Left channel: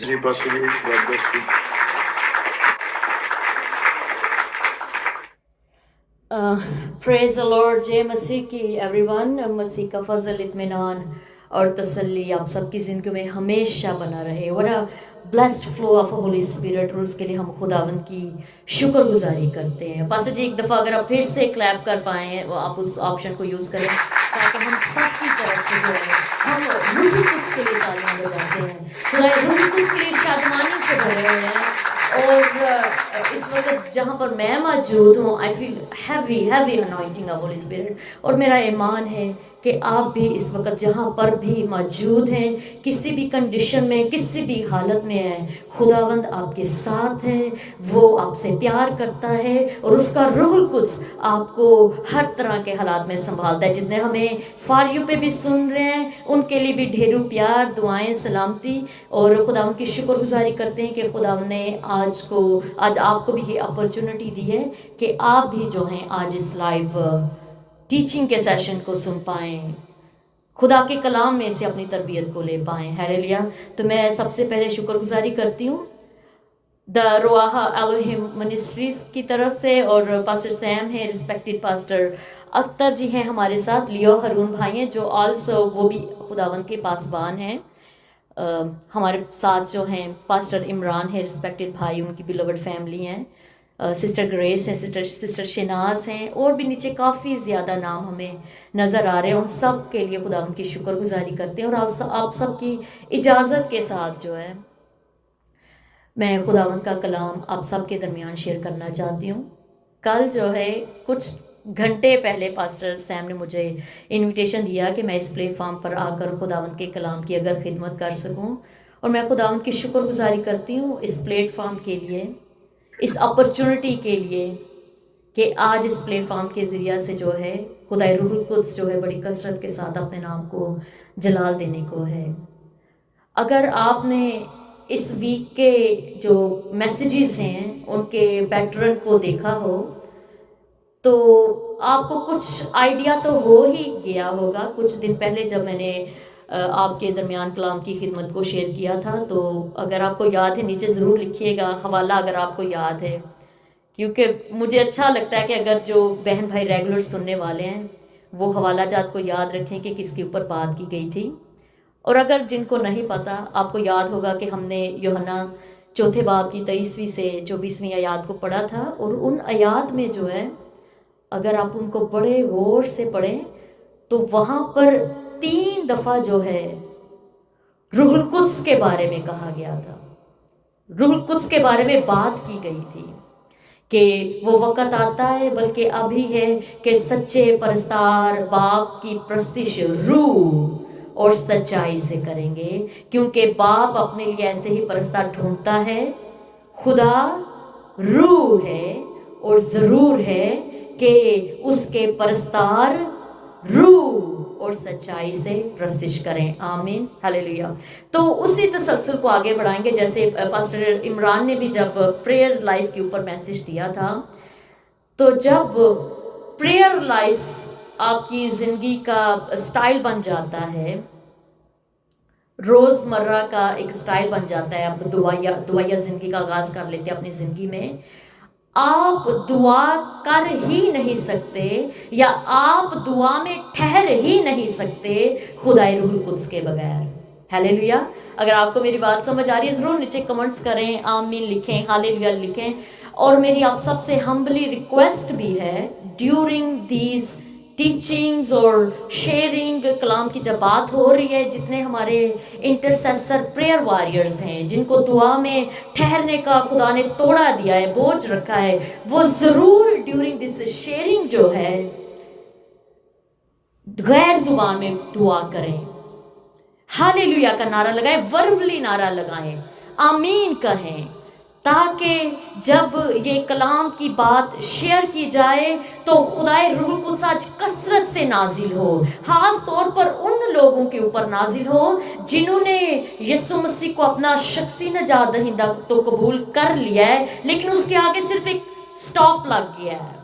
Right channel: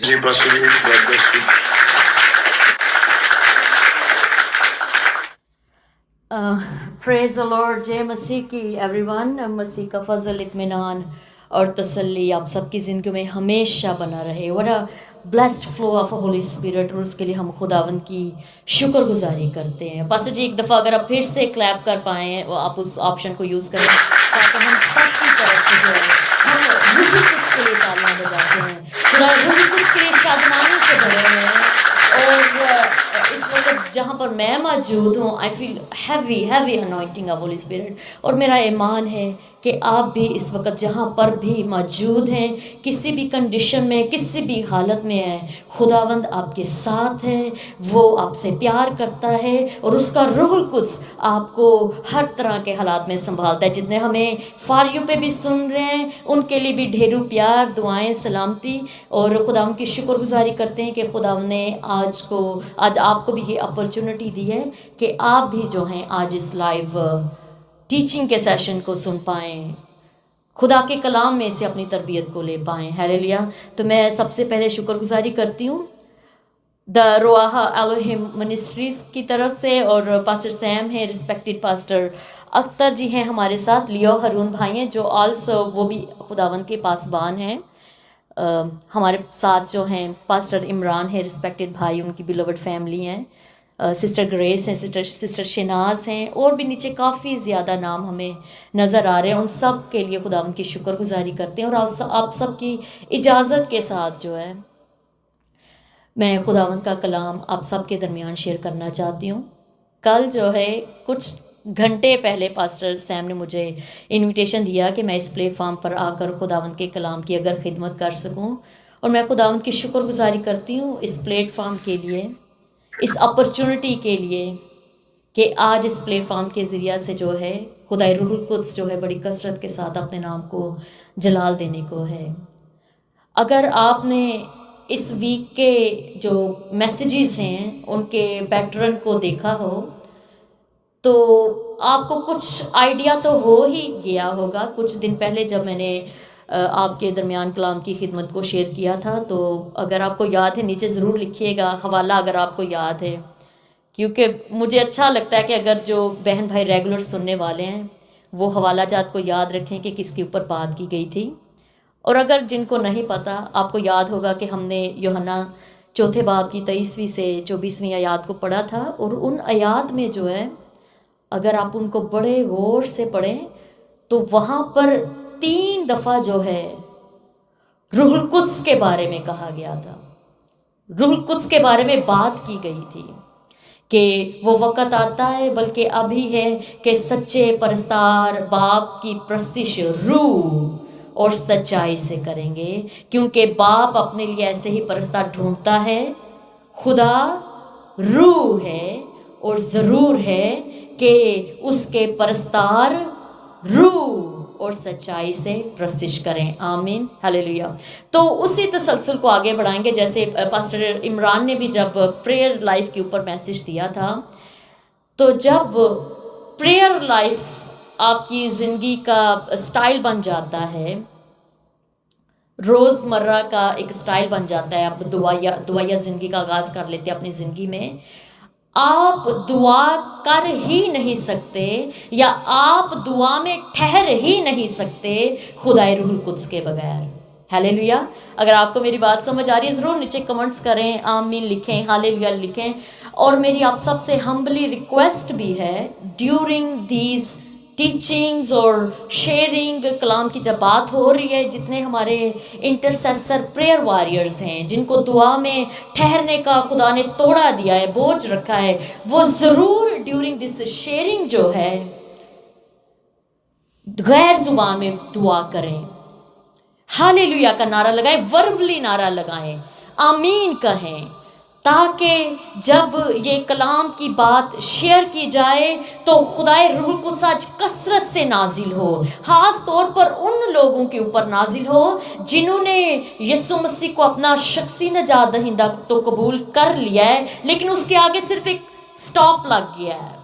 Ji Pastor ji, God bless you. Praise the lord. जय मसीह की एवरीवन। मसीह का फजल, इत्मीनान और तसल्ली आप सबकी ज़िंदगी में हमेशा बना रहे। What a blessed flow of Holy spirit, और उसके लिए हम खुदावंद की शुक्रगुजारी करते हैं। पास्टर जी, एक दफ़ा अगर आप फिर से क्लैप कर पाएँ, आप उस ऑप्शन को यूज़ करें ताकि हम सबकी तरफ से जो है हम रूही कुछ के लिए तालियां बजाते हैं। खुदा रूही कुछ के लिए शादमानी से भरे हुए हैं। और इस वक्त जहाँ पर मैं मौजूद हूँ, I feel heavy heavy anointing of Holy spirit. और मेरा ईमान है कि आप भी इस वक्त जहाँ पर भी मौजूद हैं, किसी भी कंडीशन में, किसी भी हालत में हैं, खुदावंद आपके साथ है। वो आपसे प्यार करता है और उसका रूहुल कुद्स आपको हर तरह के हालात में संभालता है। जितने हमें फारियों पे भी सुन रहे हैं, उनके लिए भी ढेरों प्यार, दुआएं, सलामती और खुदावंद की शुक्रगुजारी करते हैं कि खुदावंद ने आज आपको भी ये अपॉर्चुनिटी दी है कि आप भी जो हैं आज इस लाइव टीचिंग के सेशन को सुन पाएँ, खुदा के कलाम में से अपनी तरबियत को ले पाएँ। हालेलुया। तो मैं सबसे पहले शुक्रगुजारी करती हूँ द रोआहा एलोहिम मिनिस्ट्रीज की तरफ से, और पास्टर सैम है, रिस्पेक्टेड पास्टर अख्तर जी हैं हमारे साथ, लियो हरून भाई हैं जो आल्सो वो भी खुदावंद के पासबान हैं। हमारे साथ जो हैं पास्टर इमरान है, रिस्पेक्टेड भाई, उनकी बिलोवड फैमिली हैं। सिस्टर ग्रेस हैं, सिस्टर शनाज हैं, और भी नीचे काफ़ी ज़्यादा नाम हमें नज़र आ रहे हैं। उन सब के लिए खुदा उनकी शुक्रगुजारी करते हैं। और आप सब की इजाज़त के साथ जो है मैं खुदावंद का कलाम आप सब के दरमियान शेयर करना चाहती हूँ। कल जो है कुछ घंटे पहले पास्टर सैम ने मुझे इनविटेशन दिया कि मैं इस प्लेटफॉर्म पर आकर खुदावंद के कलाम की अगर खिदमत कर सकूं, और मैं खुदावंद की शुक्रगुजारी करती हूँ इस प्लेटफॉर्म के लिए, इस अपॉर्चुनिटी के लिए कि आज इस प्लेटफॉर्म के ज़रिया से जो है खुदा रूहुल कुद्स जो है बड़ी कसरत के साथ अपने नाम को जलाल देने को है। अगर आपने इस वीक के जो मैसेजेस हैं उनके पैटर्न को देखा हो तो आपको कुछ आइडिया तो हो ही गया होगा। कुछ दिन पहले जब मैंने आपके दरमियान कलाम की खिदमत को शेयर किया था, तो अगर आपको याद है नीचे ज़रूर लिखिएगा हवाला अगर आपको याद है, क्योंकि मुझे अच्छा लगता है कि अगर जो बहन भाई रेगुलर सुनने वाले हैं वो हवाला जात को याद रखें कि किसके ऊपर बात की गई थी। और अगर जिनको नहीं पता, आपको याद होगा कि हमने यूहन्ना चौथे बाब की 23वीं से 24वीं आयात को पढ़ा था। और उन आयात में जो है अगर आप उनको बड़े गौर से पढ़ें तो वहाँ पर 3 दफ़ा जो है रूहुल कुद्स के बारे में कहा गया था, रूहुल कुद्स के बारे में बात की गई थी कि वो वक़्त आता है, बल्कि अभी है, कि सच्चे परस्तार बाप की प्रस्तिश रूह और सच्चाई से करेंगे, क्योंकि बाप अपने लिए ऐसे ही परस्तार ढूंढता है। खुदा रूह है और ज़रूर है कि उसके परस्तार रूह और सच्चाई से प्रस्तिश करें। आमीन, हालेलुया। तो उसी तसलसल को आगे बढ़ाएंगे। जैसे पास्टर इमरान ने भी जब प्रेयर लाइफ के ऊपर मैसेज दिया था, तो जब प्रेयर लाइफ आपकी ज़िंदगी का स्टाइल बन जाता है, रोज़मर्रा का एक स्टाइल बन जाता है, आप दुआया ज़िंदगी का आगाज़ कर लेते हैं अपनी ज़िंदगी में, आप दुआ कर ही नहीं सकते या आप दुआ में ठहर ही नहीं सकते खुदाए रूहुल कुद्स के बगैर। हालेलुया। अगर आपको मेरी बात समझ आ रही है ज़रूर नीचे कमेंट्स करें, आमीन लिखें, हालेलुया लिखें। और मेरी आप सबसे हम्बली रिक्वेस्ट भी है, ड्यूरिंग दीज टीचिंग्स और शेयरिंग कलाम की जब बात हो रही है, जितने हमारे इंटरसेसर प्रेयर वॉरियर्स हैं जिनको दुआ में ठहरने का खुदा ने तोड़ा दिया है, बोझ रखा है, वो ज़रूर ड्यूरिंग दिस शेयरिंग जो है गैर जुबान में दुआ करें, हालेलुया का नारा लगाएं, वर्बली नारा लगाएं, आमीन कहें, ताकि जब ये कलाम की बात शेयर की जाए तो खुदाए रूहुल कुद्स आज कसरत से नाजिल हो, खास तौर पर उन लोगों के ऊपर नाजिल हो जिन्होंने यीशु मसीह को अपना शख्सी नजात दहिंदा तो कबूल कर लिया है, लेकिन उसके आगे सिर्फ एक स्टॉप लग गया है।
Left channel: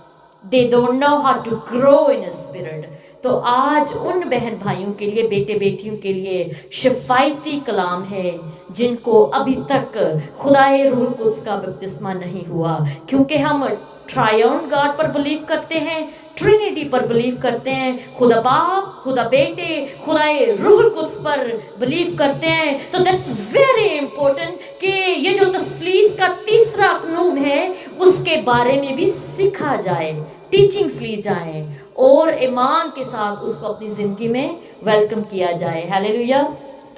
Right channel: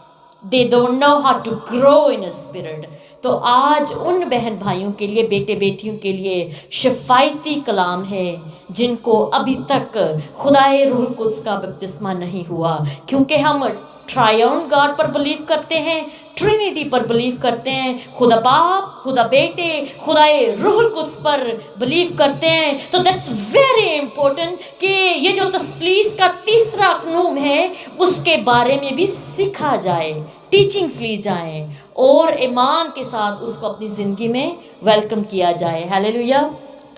They don't know how to grow in a spirit. तो आज उन बहन भाइयों के लिए, बेटे बेटियों के लिए शिफायती कलाम है जिनको अभी तक खुदाए रूह कुद्स का बपतिस्मा नहीं हुआ, क्योंकि हम ट्रायन गॉड पर बिलीव करते हैं, ट्रिनिटी पर बिलीव करते हैं, खुदा बाप, खुदा बेटे, खुदाए रूह कुद्स पर बिलीव करते हैं। तो दैट्स वेरी इंपॉर्टेंट कि ये जो तस्लीस का तीसरा कानून है उसके बारे में भी सीखा जाए, टीचिंग्स ली जाए और ईमान के साथ उसको अपनी ज़िंदगी में वेलकम किया जाए। Hallelujah,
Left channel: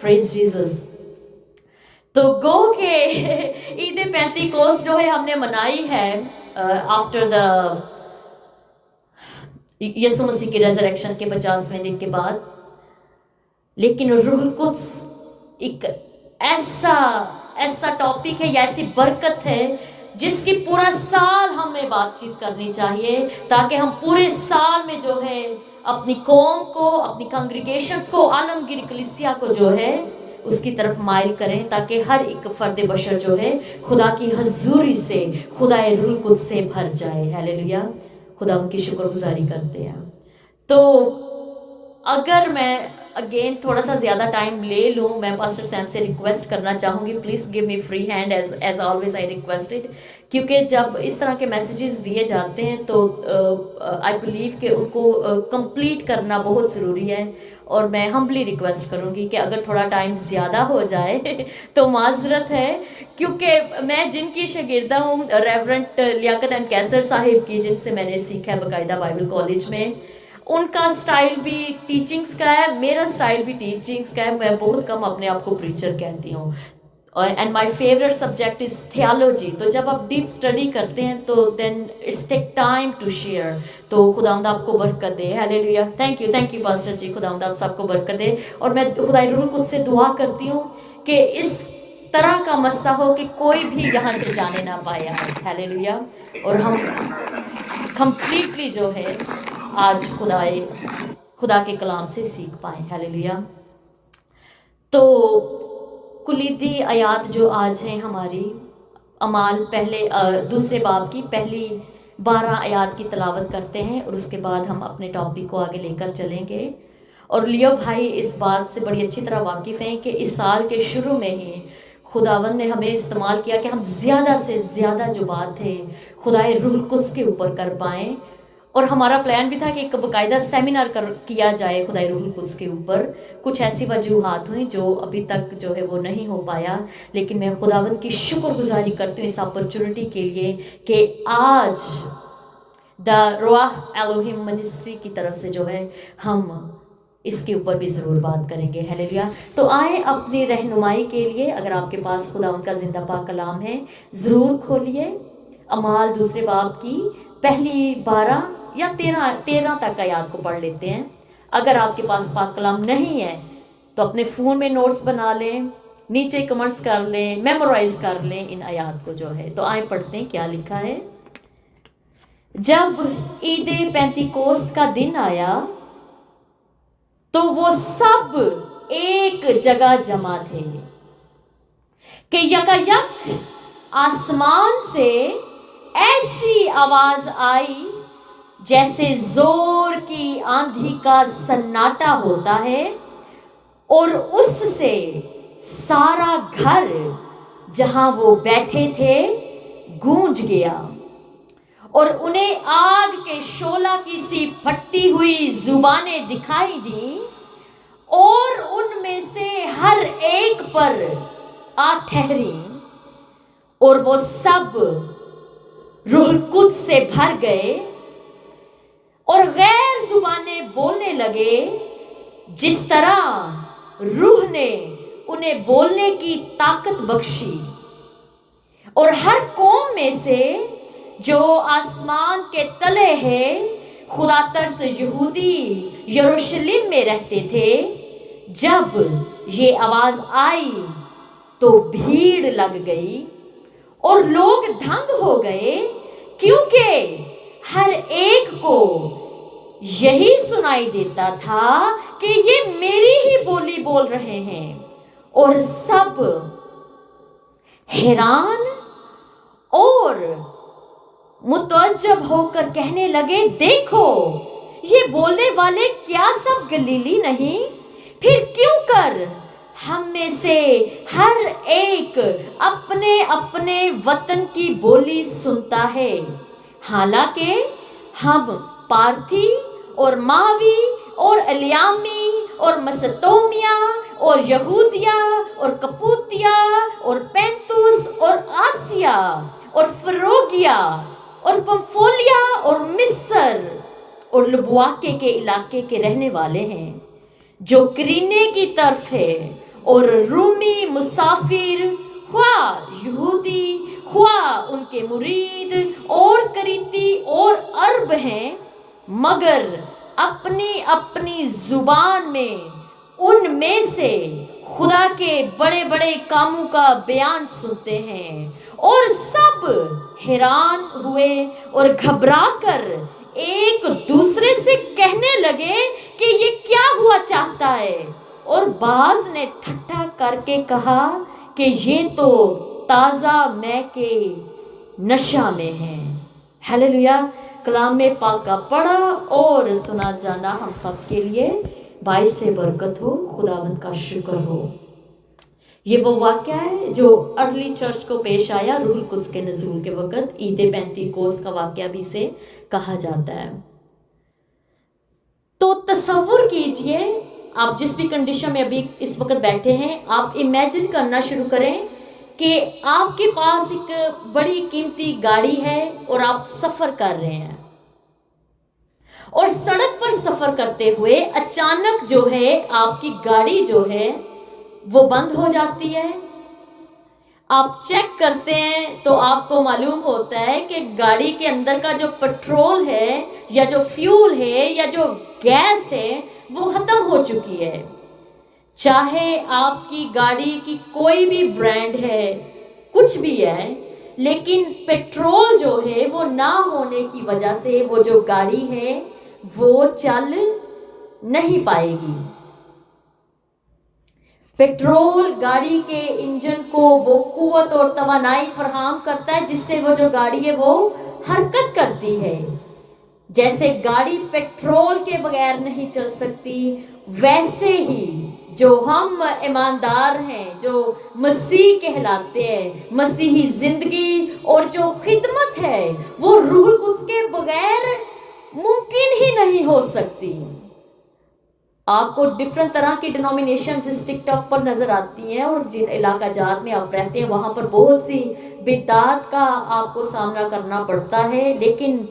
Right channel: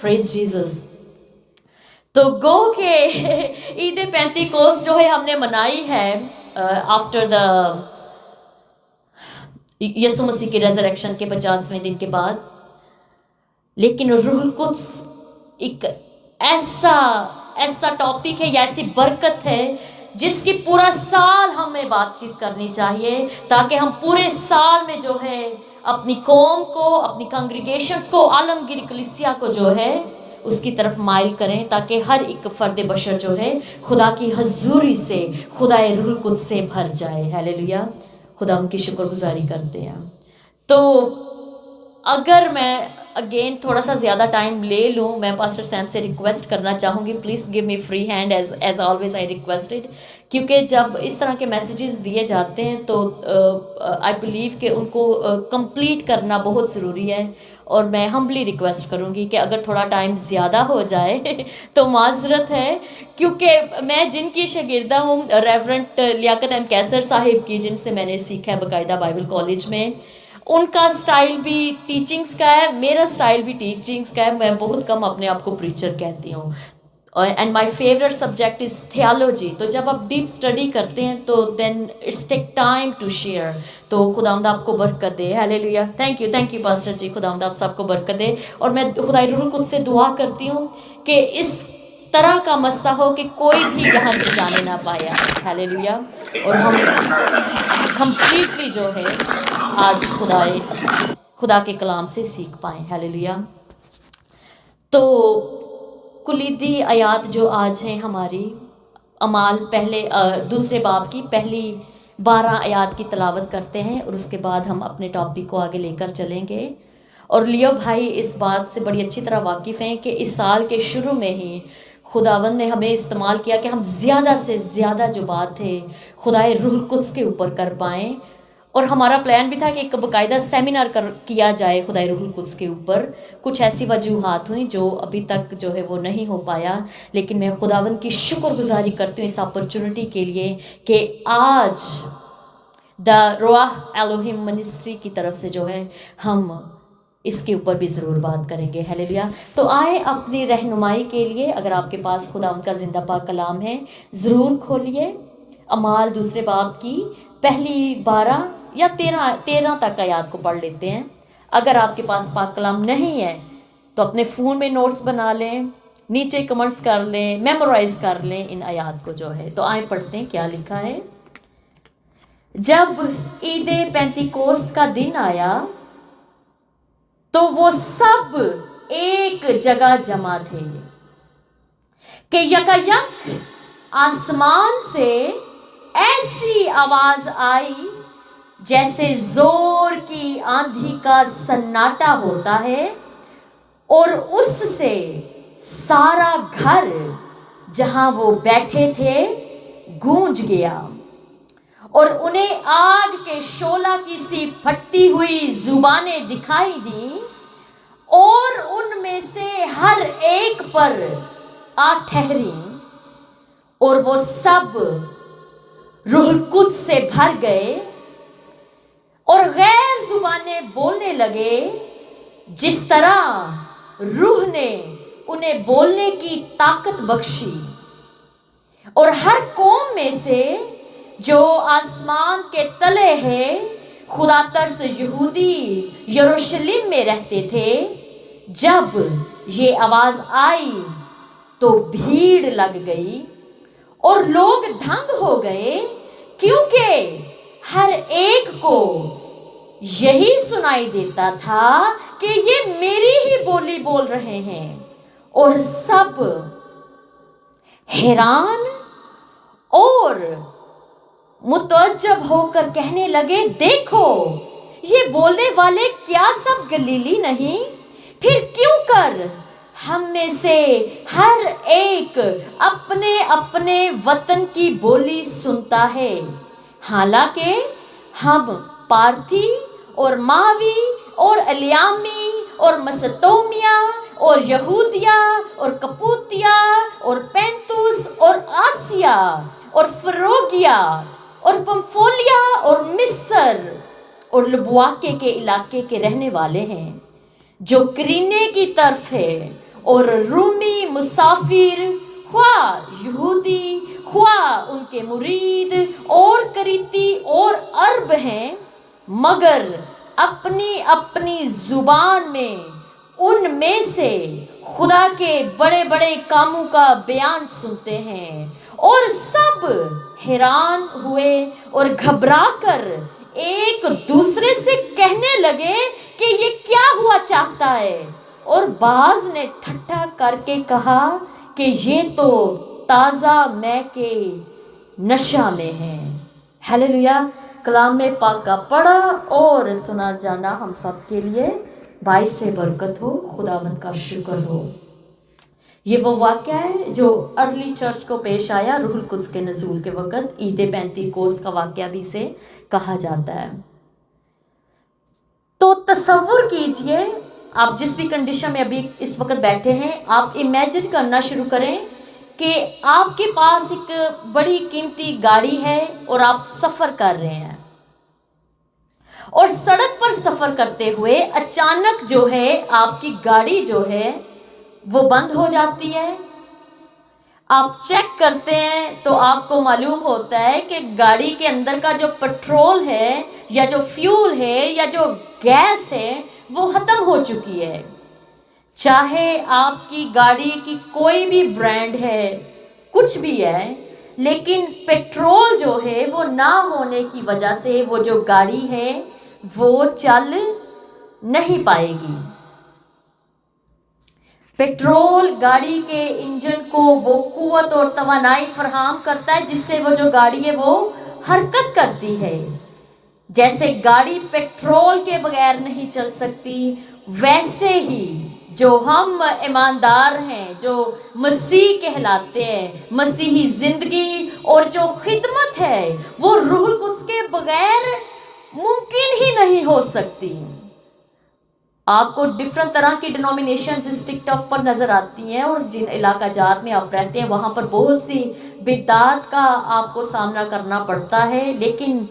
praise Jesus. तो गो के ईद पेंतिकोस्त जो है हमने मनाई है आफ्टर द यीशु मसीह की रेजरेक्शन के 50वें दिन के बाद। लेकिन रूह कुद्स एक ऐसा टॉपिक है या ऐसी बरकत है जिसकी पूरा साल हमें बातचीत करनी चाहिए, ताकि हम पूरे साल में जो है अपनी कौम को, अपनी कांग्रीगेशंस को, आलमगीर कलीसिया को जो है उसकी तरफ माइल करें, ताकि हर एक फर्द बशर जो है खुदा की हजूरी से, खुदा रूह कुद्स से भर जाए। हालेलुया, खुदा उनकी शुक्रगुजारी करते हैं। तो अगर मैं अगेन थोड़ा सा ज़्यादा टाइम ले लूँ, मैं पास्टर सैम से रिक्वेस्ट करना चाहूँगी, please give me free hand as always I requested, क्योंकि जब इस तरह के मैसेजेस दिए जाते हैं तो आई बिलीव कि उनको कंप्लीट करना बहुत ज़रूरी है। और मैं हम्बली रिक्वेस्ट करूँगी कि अगर थोड़ा टाइम ज़्यादा हो जाए तो माजरत है, क्योंकि मैं जिनकी शागिर्दा हूँ रेवरेंट लियाकत एम कैसर साहिब की, जिनसे मैंने सीखा है बाकायदा बाइबल कॉलेज में, उनका स्टाइल भी टीचिंग्स का है, मेरा स्टाइल भी टीचिंग्स का है। मैं बहुत कम अपने आप को प्रीचर कहती हूँ। And my favourite subject is theology. तो जब आप डीप स्टडी करते हैं तो then it's take time to share. तो खुदावंद आपको बरकत दे। Hallelujah, thank you pastor ji, खुदावंद आप सबको बरकत दे। और मैं खुदाई रूह कुद्स से दुआ करती हूँ कि इस तरह का मस्सा हो कि कोई भी यहाँ से जाने ना पाया। हालेलुया, और हम कंप्लीटली जो है आज खुदा के कलाम से सीख पाए। हालेलुया। तो कुलीदी आयात जो आज है हमारी, अमाल दूसरे बाब की पहली 12 आयात की तलावत करते हैं और उसके बाद हम अपने टॉपिक को आगे लेकर चलेंगे। और लियो भाई इस बात से बड़ी अच्छी तरह वाकिफ़ हैं कि इस साल के शुरू में ही खुदावंद ने हमें इस्तेमाल किया कि हम ज़्यादा से ज़्यादा जो बात है खुदाए रूह कुद्स के ऊपर कर पाएँ। और हमारा प्लान भी था कि एक बाकायदा सेमिनार किया जाए खुदाई रूह कुद्स के ऊपर। कुछ ऐसी वजूहात हुई जो अभी तक जो है वो नहीं हो पाया, लेकिन मैं खुदावंद की शुक्रगुजारी करती हूँ इस अपॉर्चुनिटी के लिए कि आज द रुआह एलोहिम मिनिस्ट्री की तरफ से जो है हम इसके ऊपर भी ज़रूर बात करेंगे। हालेलुया। तो आए अपनी रहनुमाई के लिए, अगर आपके पास खुदावंद का जिंदा पाक कलाम है ज़रूर खोलिए। अमाल दूसरे बाब की पहली 12 या 13 तक आयात को पढ़ लेते हैं। अगर आपके पास पाक कलाम नहीं है तो अपने फ़ोन में नोट्स बना लें, नीचे कमेंट्स कर लें, मेमोराइज कर लें इन आयात को जो है। तो आए पढ़ते हैं क्या लिखा है। जब ईद पेंतिकोस्त का दिन आया तो वो सब एक जगह जमा थे कि यकायक आसमान से ऐसी आवाज आई जैसे जोर की आंधी का सन्नाटा होता है, और उससे सारा घर जहां वो बैठे थे गूंज गया, और उन्हें आग के शोला की सी फटी हुई जुबानें दिखाई दी, और उनमें से हर एक पर आ ठहरी, और वो सब रूह कुद्स से भर गए और गैर जुबानें बोलने लगे जिस तरह रूह ने उन्हें बोलने की ताकत बख्शी। और हर कौम में से जो आसमान के तले है खुदा तरस यहूदी यरूशलेम में रहते थे, जब ये आवाज आई तो भीड़ लग गई और लोग दंग हो गए, क्योंकि हर एक को यही सुनाई देता था कि ये मेरी ही बोली बोल रहे हैं। और सब हैरान और मुतअज्जब होकर कहने लगे, देखो یہ بولنے والے کیا سب گلیلی نہیں؟ پھر کیوں کر ہم میں سے ہر ایک اپنے اپنے وطن کی بولی سنتا ہے، حالانکہ ہم پارتھی اور ماوی اور الیامی اور مسطومیا اور یہودیا اور کپوتیا اور پینتوس اور آسیا اور فروگیا اور پمفولیا اور مصر اور لبواکے کے علاقے کے رہنے والے ہیں، جو کرینے کی طرف ہے، اور رومی مسافر، خواہ یہودی خواہ ان کے مرید اور کریتی اور عرب ہیں، مگر اپنی اپنی زبان میں ان میں سے خدا کے بڑے بڑے کاموں کا بیان سنتے ہیں، اور سب حیران ہوئے اور گھبرا کر ایک دوسرے سے کہنے لگے کہ یہ کیا ہوا چاہتا ہے، اور بعض نے ٹھٹھا کر کے کہا کہ یہ تو تازہ مے کے نشہ میں ہے۔ ہیلیلویا۔ کلام پاک کا پڑھا اور سنا جانا ہم سب کے لیے باعث برکت ہو، خداوند کا شکر ہو۔ یہ وہ واقعہ ہے جو ارلی چرچ کو پیش آیا روح القدس کے نزول کے وقت، عید پینتیکوست کا واقعہ بھی اسے کہا جاتا ہے۔ تو تصور کیجئے، آپ جس بھی کنڈیشن میں ابھی اس وقت بیٹھے ہیں، آپ امیجن کرنا شروع کریں کہ آپ کے پاس ایک بڑی قیمتی گاڑی ہے اور آپ سفر کر رہے ہیں، اور سڑک پر سفر کرتے ہوئے اچانک جو ہے آپ کی گاڑی جو ہے وہ بند ہو جاتی ہے۔ آپ چیک کرتے ہیں تو آپ کو معلوم ہوتا ہے کہ گاڑی کے اندر کا جو پٹرول ہے یا جو فیول ہے یا جو گیس ہے وہ ختم ہو چکی ہے۔ چاہے آپ کی گاڑی کی کوئی بھی برانڈ ہے، کچھ بھی ہے، لیکن پٹرول جو ہے وہ نہ ہونے کی وجہ سے وہ جو گاڑی ہے وہ چل نہیں پائے گی۔ پٹرول گاڑی کے انجن کو وہ قوت اور توانائی فراہم کرتا ہے جس سے وہ جو گاڑی ہے وہ حرکت کرتی ہے۔ جیسے گاڑی پٹرول کے بغیر نہیں چل سکتی، ویسے ہی جو ہم ایماندار ہیں، جو مسیح کہلاتے ہیں، مسیحی زندگی اور جو خدمت ہے وہ روح القدس کے بغیر ممکن ہی نہیں ہو سکتی۔ آپ کو ڈیفرنٹ طرح کی ڈینومینیشنز اس ٹک ٹاک پر نظر آتی ہیں، اور جن علاقہ جات میں آپ رہتے ہیں وہاں پر بہت سی بدعات کا آپ کو سامنا کرنا پڑتا ہے، لیکن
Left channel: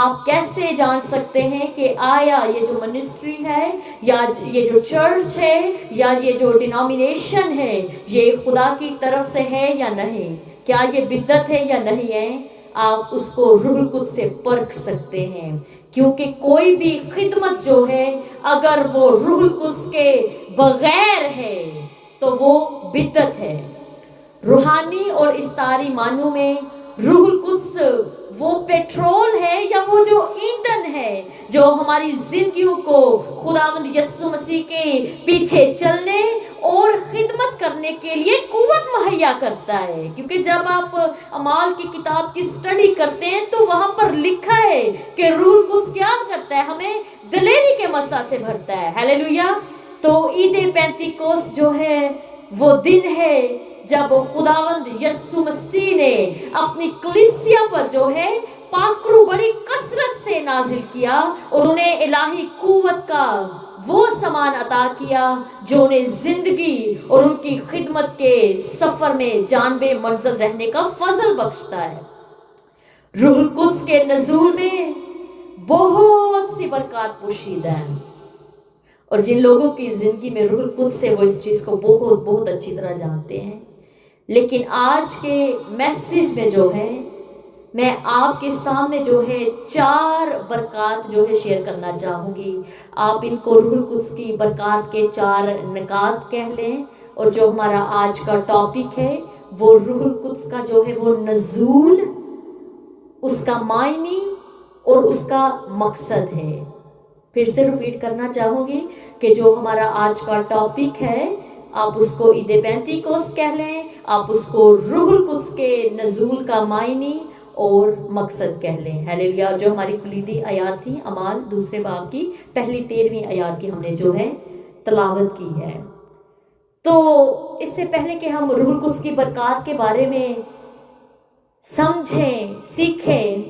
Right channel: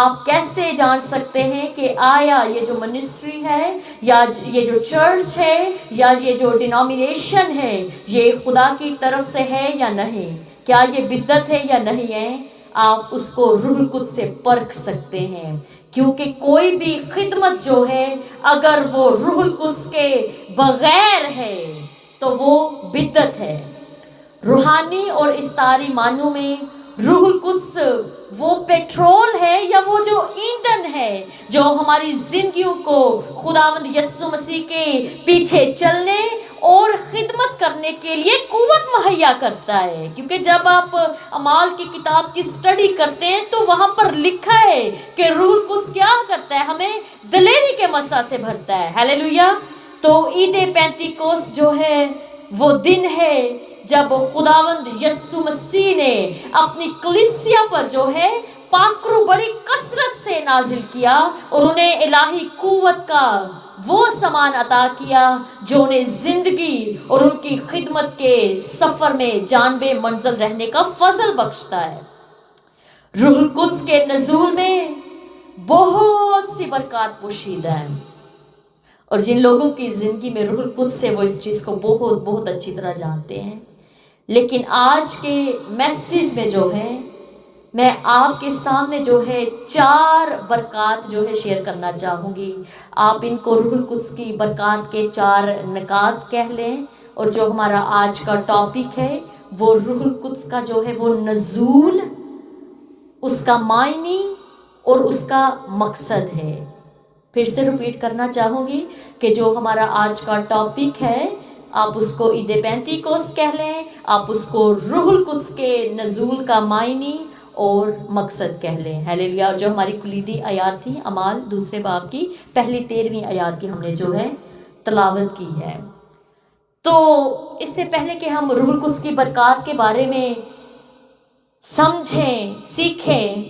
آپ کیسے جان سکتے ہیں کہ آیا یہ جو منسٹری ہے یا یہ جو چرچ ہے یا یہ جو ڈینومینیشن ہے یہ خدا کی طرف سے ہے یا نہیں؟ کیا یہ بدعت ہے یا نہیں ہے؟ آپ اس کو روح القدس سے پرکھ سکتے ہیں، کیونکہ کوئی بھی خدمت جو ہے اگر وہ روح القدس کے بغیر ہے تو وہ بدعت ہے۔ روحانی اور استعاری معنوں میں روح القدس وہ پیٹرول ہے یا وہ جو ایندھن ہے جو ہماری زندگیوں کو خداوند یسوع مسیح کے پیچھے چلنے اور خدمت کرنے کے لیے قوت مہیا کرتا ہے۔ کیونکہ جب آپ اعمال کی کتاب کی سٹڈی کرتے ہیں تو وہاں پر لکھا ہے کہ روح القدس کیا کرتا ہے، ہمیں دلیری کے مسح سے بھرتا ہے۔ ہیلیلویا۔ تو عید پینتیکوست جو ہے وہ دن ہے جب خداوند یسوع مسیح نے اپنی کلیسیا پر جو ہے پاکرو بڑی کثرت سے نازل کیا اور انہیں الہی قوت کا وہ سامان عطا کیا جو انہیں زندگی اور ان کی خدمت کے سفر میں جان بے منزل رہنے کا فضل بخشتا ہے۔ روح القدس کے نزول میں بہت سی برکات پوشیدہ ہیں، اور جن لوگوں کی زندگی میں روح القدس سے وہ اس چیز کو بہت بہت اچھی طرح جانتے ہیں۔ لیکن آج کے میسیج میں جو ہے میں آپ کے سامنے جو ہے 4 برکات جو ہے شیئر کرنا چاہوں گی۔ آپ ان کو روح القدس کی برکات کے 4 نکات کہہ لیں، اور جو ہمارا آج کا ٹاپک ہے وہ روح القدس کا جو ہے وہ نزول، اس کا معنی اور اس کا مقصد ہے۔ پھر سے ریپیٹ کرنا چاہوں گی کہ جو ہمارا آج کا ٹاپک ہے آپ اس کو عید پینتیکوست کہہ لیں، آپ اس کو روح القدس کے نزول کا معنی اور مقصد کہہ لیں. ہیلیلویا. جو ہماری کلیدی آیات تھی اعمال 2 باب کی پہلی 13ویں آیات کی ہم نے جو ہے تلاوت کی ہے. تو اس سے پہلے کہ ہم روح القدس کی برکات کے بارے میں سمجھیں سیکھیں،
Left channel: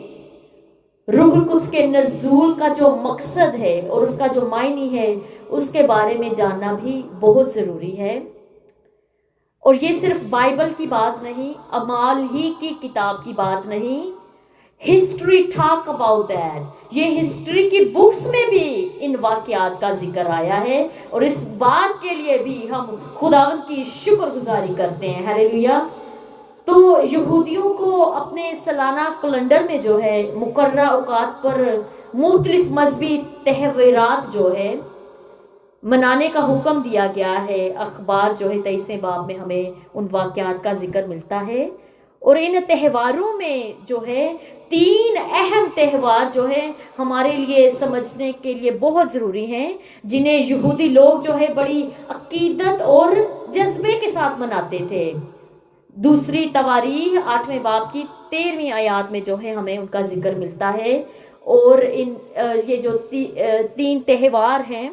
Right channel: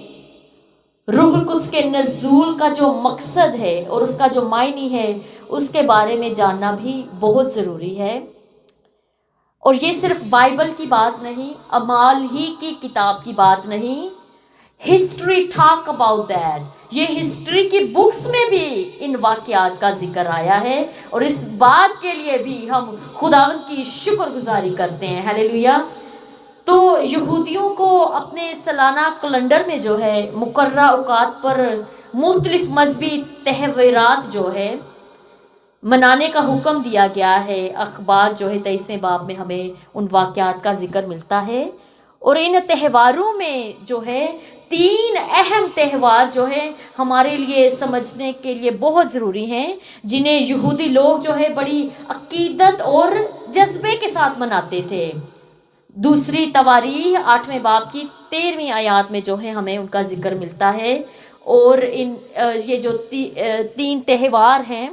روح القدس کے نزول کا جو مقصد ہے اور اس کا جو معنی ہے اس کے بارے میں جاننا بھی بہت ضروری ہے. اور یہ صرف بائبل کی بات نہیں، اعمال ہی کی کتاب کی بات نہیں، ہسٹری ٹاک اباؤٹ دیٹ. یہ ہسٹری کی بکس میں بھی ان واقعات کا ذکر آیا ہے اور اس بات کے لیے بھی ہم خداوند کی شکر گزاری کرتے ہیں. ہیلیلویا. تو یہودیوں کو اپنے سالانہ کیلنڈر میں جو ہے مقررہ اوقات پر مختلف مذہبی تہوارات جو ہے منانے کا حکم دیا گیا ہے. اخبار جو ہے 23ویں باب میں ہمیں ان واقعات کا ذکر ملتا ہے. اور ان تہواروں میں جو ہے 3 اہم تہوار جو ہے ہمارے لیے سمجھنے کے لیے بہت ضروری ہیں، جنہیں یہودی لوگ جو ہے بڑی عقیدت اور جذبے کے ساتھ مناتے تھے. دوسری تواریخ 8ویں باب کی 13ویں آیات میں جو ہے ہمیں ان کا ذکر ملتا ہے. اور یہ جو 3 تہوار ہیں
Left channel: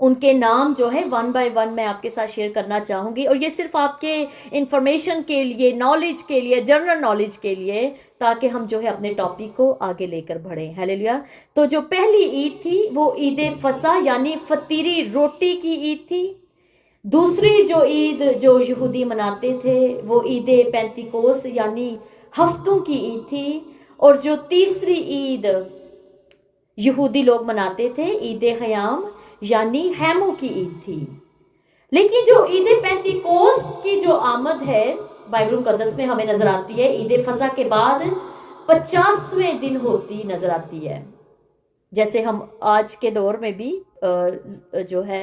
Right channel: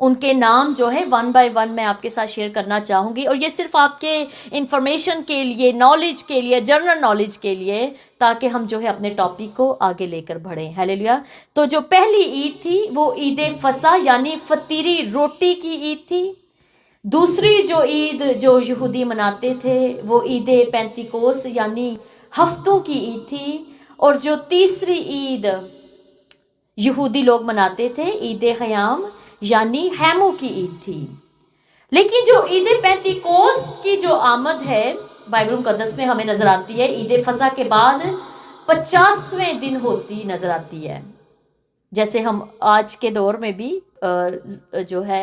ان کے نام جو ہے 1 بائی 1 میں آپ کے ساتھ شیئر کرنا چاہوں گی. اور یہ صرف آپ کے انفارمیشن کے لیے، نالج کے لیے، جنرل نالج کے لیے، تاکہ ہم جو ہے اپنے ٹاپک کو آگے لے کر بڑھیں. ہیلیلویا. تو جو پہلی عید تھی وہ عید فصح یعنی فطیری روٹی کی عید تھی. دوسری جو عید جو یہودی مناتے تھے وہ عید پینتیکوس یعنی ہفتوں کی عید تھی. اور جو تیسری عید یہودی لوگ مناتے تھے عید خیام یعنی خیموں کی عید تھی. لیکن جو عید پینتیکوس کی جو آمد ہے بائبل مقدس میں ہمیں نظر آتی ہے عید فصح کے بعد 50ویں دن ہوتی نظر آتی ہے. جیسے ہم آج کے دور میں بھی جو ہے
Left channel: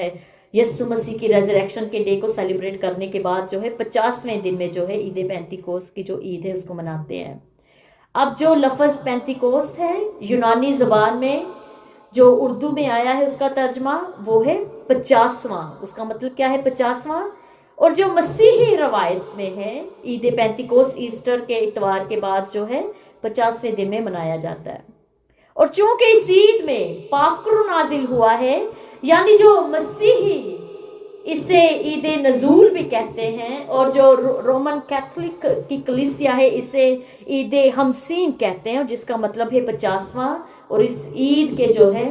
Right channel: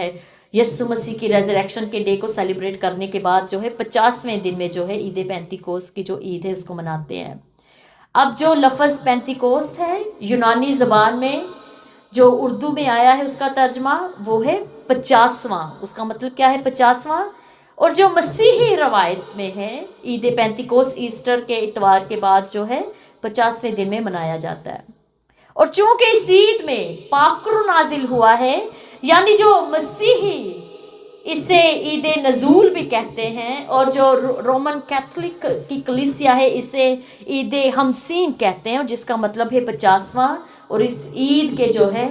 یسوع مسیح کی ریزریکشن کے ڈے کو سیلیبریٹ کرنے کے بعد جو ہے 50ویں دن میں جو ہے عید پینتیکوس کی جو عید ہے اس کو مناتے ہیں. اب جو لفظ پینتیکوس ہے یونانی زبان میں جو اردو میں آیا ہے اس کا ترجمہ وہ ہے 50واں. اس کا مطلب کیا ہے 50واں؟ اور جو مسیحی روایت میں ہے عید پینتیکوس ایسٹر کے اتوار کے بعد جو ہے 50ویں دن میں منایا جاتا ہے. اور چونکہ اس عید میں پاکر نازل ہوا ہے یعنی جو مسیحی اسے عید نزول بھی کہتے ہیں، اور جو رومن کیتھولک کی کلیسیا ہے اسے عید ہمسین کہتے ہیں جس کا مطلب ہے 50واں. اور اس عید کے جو ہے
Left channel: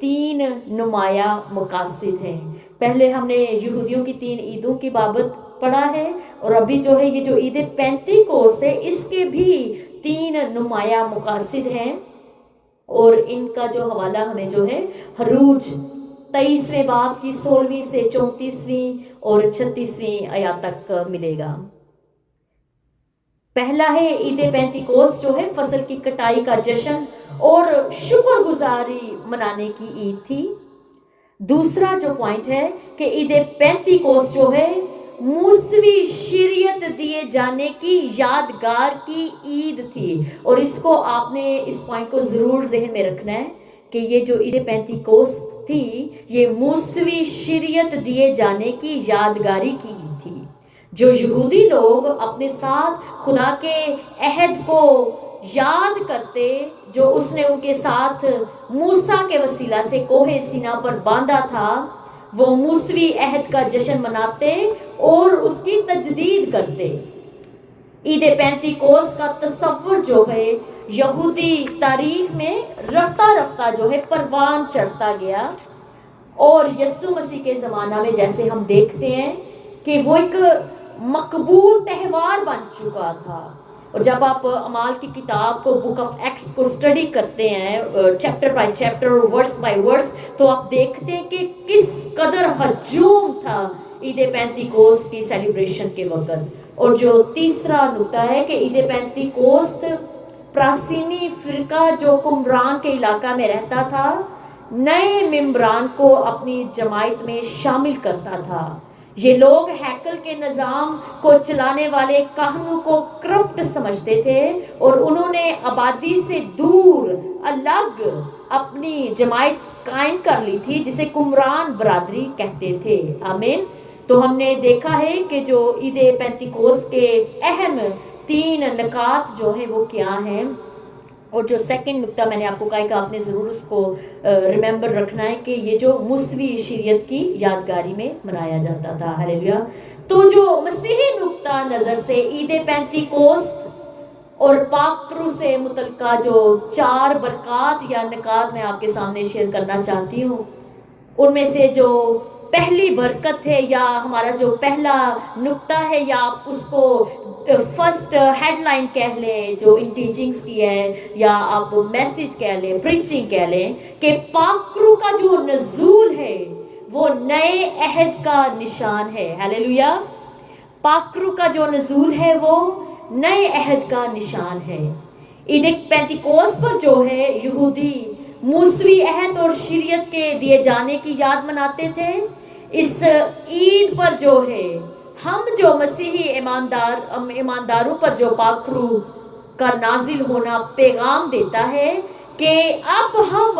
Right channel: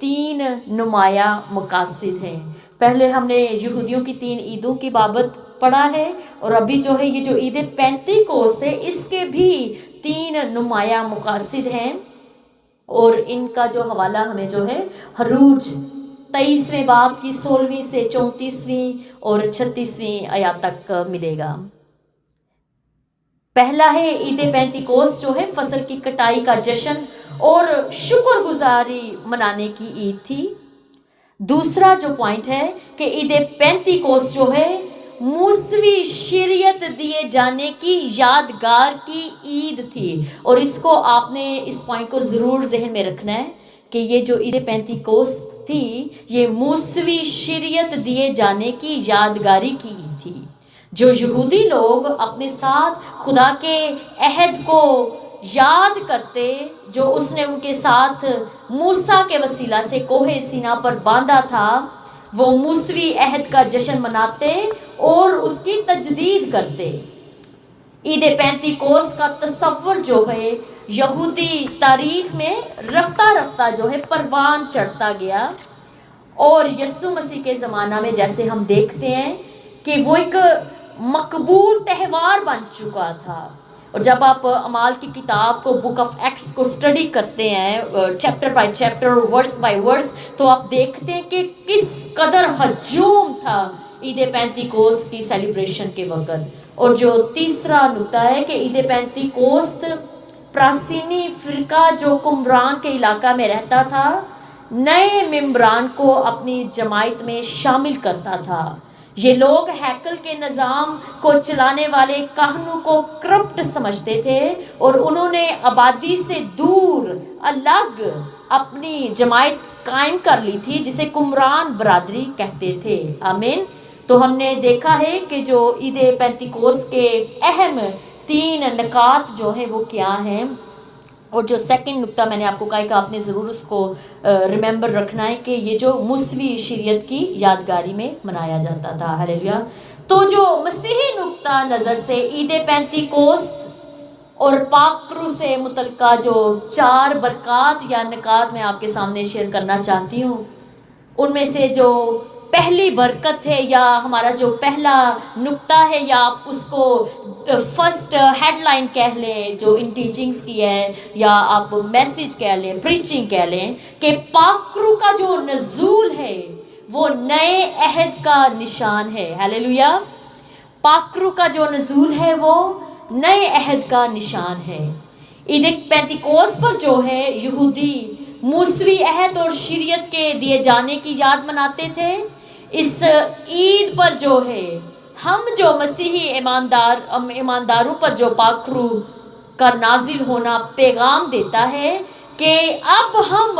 3 نمایاں مقاصد ہیں. پہلے ہم نے یہودیوں کی 3 عیدوں کی بابت پڑھا ہے اور ابھی جو ہے یہ جو عید پینتیکوس ہے اس کے بھی 3 نمایاں مقاصد ہیں. اور ان کا جو حوالہ ہمیں جو ہے خروج 23ویں باب کی 16ویں سے 34ویں اور 36ویں آیات تک ملے گا. پہلا ہے عید پینتیکوس جو ہے فصل کی کٹائی کا جشن اور شکر گزاری منانے کی عید تھی. دوسرا جو پوائنٹ ہے کہ عید پینتیکوس جو ہے موسوی شریعت دیے جانے کی یادگار کی عید تھی. اور اس کو آپ نے اس پوائنٹ کو ضرور ذہن میں رکھنا ہے کہ یہ جو عید پینتیکوس تھی یہ موسوی شریعت دیے جانے کی یادگاری کی عید تھی. جو یہودی لوگ اپنے ساتھ خدا کے عہد کو یاد کرتے جو اس نے ان کے ساتھ موسیٰ کے وسیلہ سے کوہ سینا پر باندھا تھا، وہ موسوی عہد کا جشن مناتے اور اس کی تجدید کرتے. عید پینتیکوس کا تصور جو ہے یہودی تاریخ میں رفتہ رفتہ جو ہے پروان چڑھتا گیا. اور یسوع مسیح کے زمانہ میں جیسے ہم دیکھتے ہیں کہ وہ ایک مقبول تہوار بن چکا تھا. اور جب آپ اعمال کی کتاب کو بک آف ایکٹس کو اسٹڈی کرتے ہیں chapter by chapter verse by verse تو آپ دیکھتے ہیں کہ کس قدر ہجوم تھا عید پینتیکوس کی سیلیبریشن کے وقت. اور جو تیسرا نکتہ ہے کہ عید پینتیکوس پراسینی فرقہ جو قمران کے علاقہ میں رہتا تھا نئے ممبران کو اپنی جماعت میں شامل کرتا تھا. یہ لوگ ہیکل کے نظام کو چلانے والے کاہنوں کو کرپٹ سمجھتے تھے اور انہوں نے آبادی سے دور الگ اپنی جماعت قائم کر لی تھی جسے قمران برادری کہتے تھے. آمین. تو ہم نے دیکھا ہے کہ جو عید پینتیکوس کے اہم 3 नकात जो है वो क्या हैं। और जो सेकंड नुक्ता मैंने आपको कहा कि आपने ज़रूर उसको रिमेंबर रखना है कि ये जो मूसवी शरीयत की यादगारी में मनाया जाता था। हालेलुया। तो जो मसीही नुक्ता नज़र से ईद पेंतीकोस्त और पाकरू से मुतलका जो 4 बरक़ात या निकात मैं आपके सामने शेयर करना चाहती हूँ, उनमें से जो पहली बरकत है या हमारा जो पहला नुक्ता है या आप उसको फर्स्ट हेडलाइन कह लें जो इन टीचिंग्स की है, या आप मैसेज कह लें, प्रीचिंग कह लें, कि पाकरू का जो नज़ूल है वो नए अहद का निशान है। हालेलुया। पाकरू का जो नज़ूल है वो नए अहद का निशान है। ईद पेंतीकोस्त पर जो है यहूदी मूसवी अहद और शरीयत के दिए जाने की याद मनाते थे। इस ईद पर जो है हम जो मसीही ईमानदारों पर जो पाकरू का नाजिल होना पैगाम देता है कि अब हम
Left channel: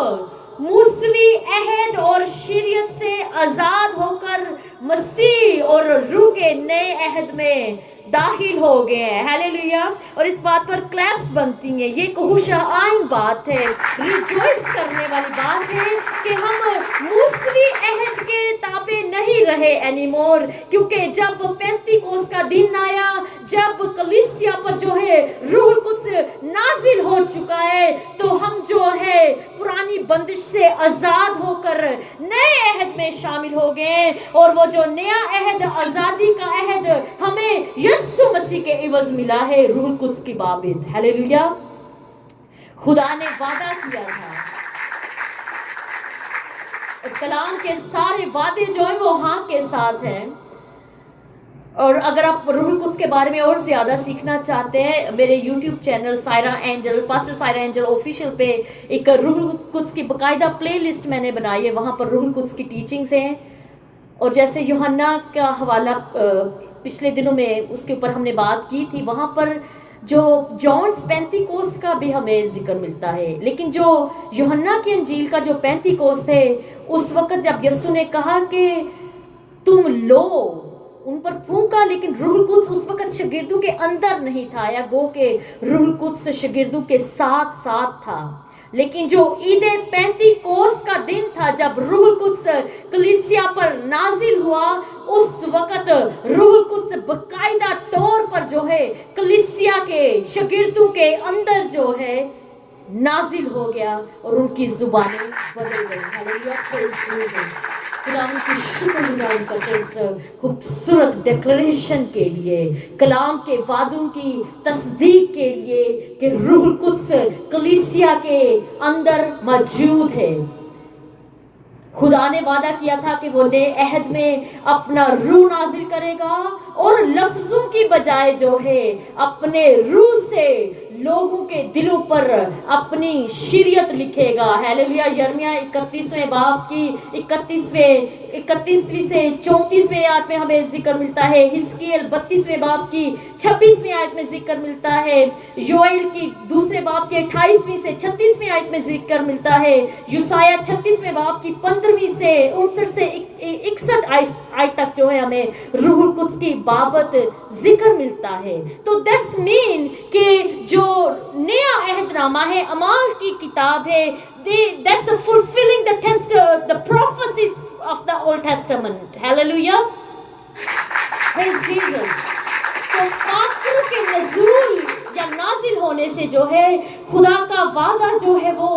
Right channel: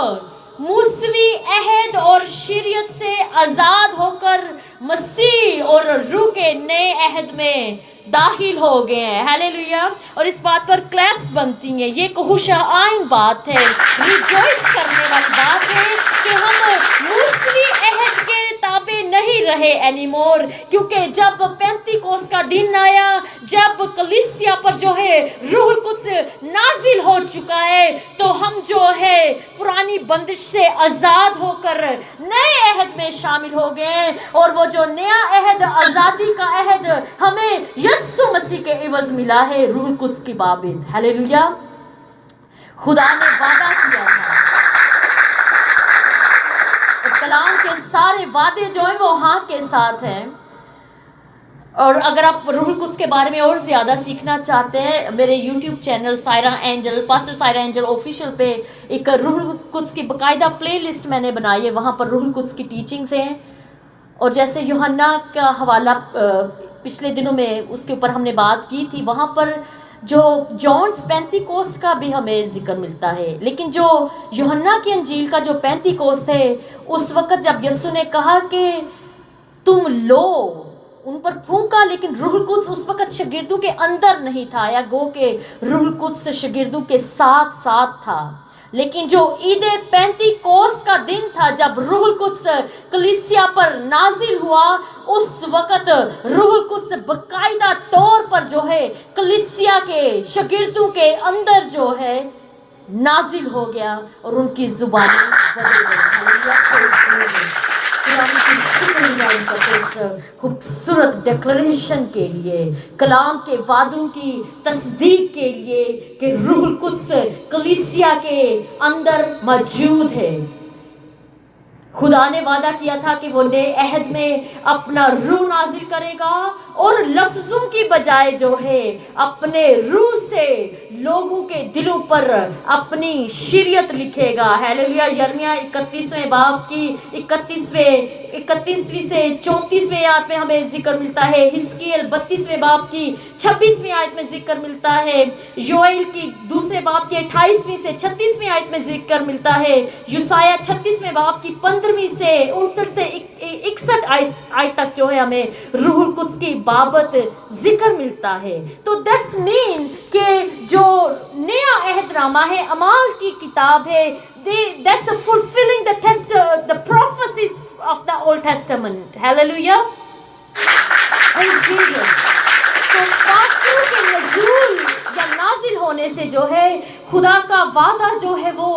मूसवी अहद और शरीयत से आज़ाद होकर मसीह और रूह के नए अहद में दाखिल हो गए हैं। हालेलुया। और इस बात पर क्लैप्स बनती हैं। ये एक खुशाइन बात है, रिजॉइस करने वाली बात है कि हम मूसवी अहद के ताबे नहीं रहे एनीमोर, क्योंकि जब पेंतीकोस्त का दिन आया, जब कलीसिया पर जो है रूह कुद्स नाजिल हो चुका है, तो हम जो है पुरानी बंदिश से आज़ाद होकर नए अहद में शामिल हो गए। और वो जो नया अहद, आज़ादी का अहद हमें यीशु मसीह के इवज़ मिला है रूह कुद्स की बाबित। हालेलुया। खुदा ने वादा किया था, कलाम के सारे वादे जो हैं वो हाँ के साथ हैं। और अगर आप रूह कुद्स के बारे में और ज़्यादा सीखना चाहते हैं, मेरे YouTube channel Saira angel, pastor Saira angel official पे एक रूह कुद्स की बाकायदा प्लेलिस्ट मैंने बनाई है। वहाँ पर रूह कुद्स की टीचिंग्स हैं। और जैसे यूहन्ना का हवाला पिछले दिनों में उसके ऊपर हमने बात की थी, वहाँ पर जो जॉन्स पेंतीकोस्त का भी हमें जिक्र मिलता है। लेकिन जो यूहन्ना की अंजील का जो पेंतीकोस्त है, उस वक़्त जब यीशु ने कहा कि तुम लो, उन पर फूंका, लेकिन रूह कुद्स उस वक़्त शागिर्दों के अंदर नहीं था, या गो के रूह कुद्स शागिर्दों के साथ साथ था। लेकिन जो ईद पेंतीकोस्त का दिन था, जब रूह कुद्स कलीसिया पर नाजिल हुआ, उस वक़्त रूह कुद्स बाकायदा तौर पर जो है कलीसिया के शागिर्दों के अंदर जो है नाजिल हो गया और उनकी ज़ुबानें बदल गई। खूबसूरत डिक्लेरेशन के लिए, कलाम के वादों की तस्दीक के लिए कि रूह कुद्स कलीसिया के अंदर मौजूद है। खुदा ने वादा किया था कि वो नए अहद में अपना रूह नाजिल करेगा और लफ्ज़ों की बजाय जो है अपने रूह से लोगों के दिलों पर अपनी शरीयत लिखेगा। हालेलुया। यिर्मयाह 31वें बाब की 31वीं से 34वें आयत में हमें जिक्र मिलता है। हिस्कियल 32वें बाब की 26वीं आयत में जिक्र मिलता है। योएल की 2 बाब की 28वीं से 36वीं आयत में जिक्र मिलता है। यूसाया 36वें बाब की 15वीं से 59 से 61 आयत तक जो है हमें रूह कुद्स की बाबत जिक्र मिलता है। तो दैट्स मीन कि जो नया अहदनामा है, अमाल की किताब है, that's fulfilling the prophecies of the Old Testament. Hallelujah. Praise Jesus. तो पाकरू के नज़ूल या नाजिल होने से जो है खुदा का वादा जो है वो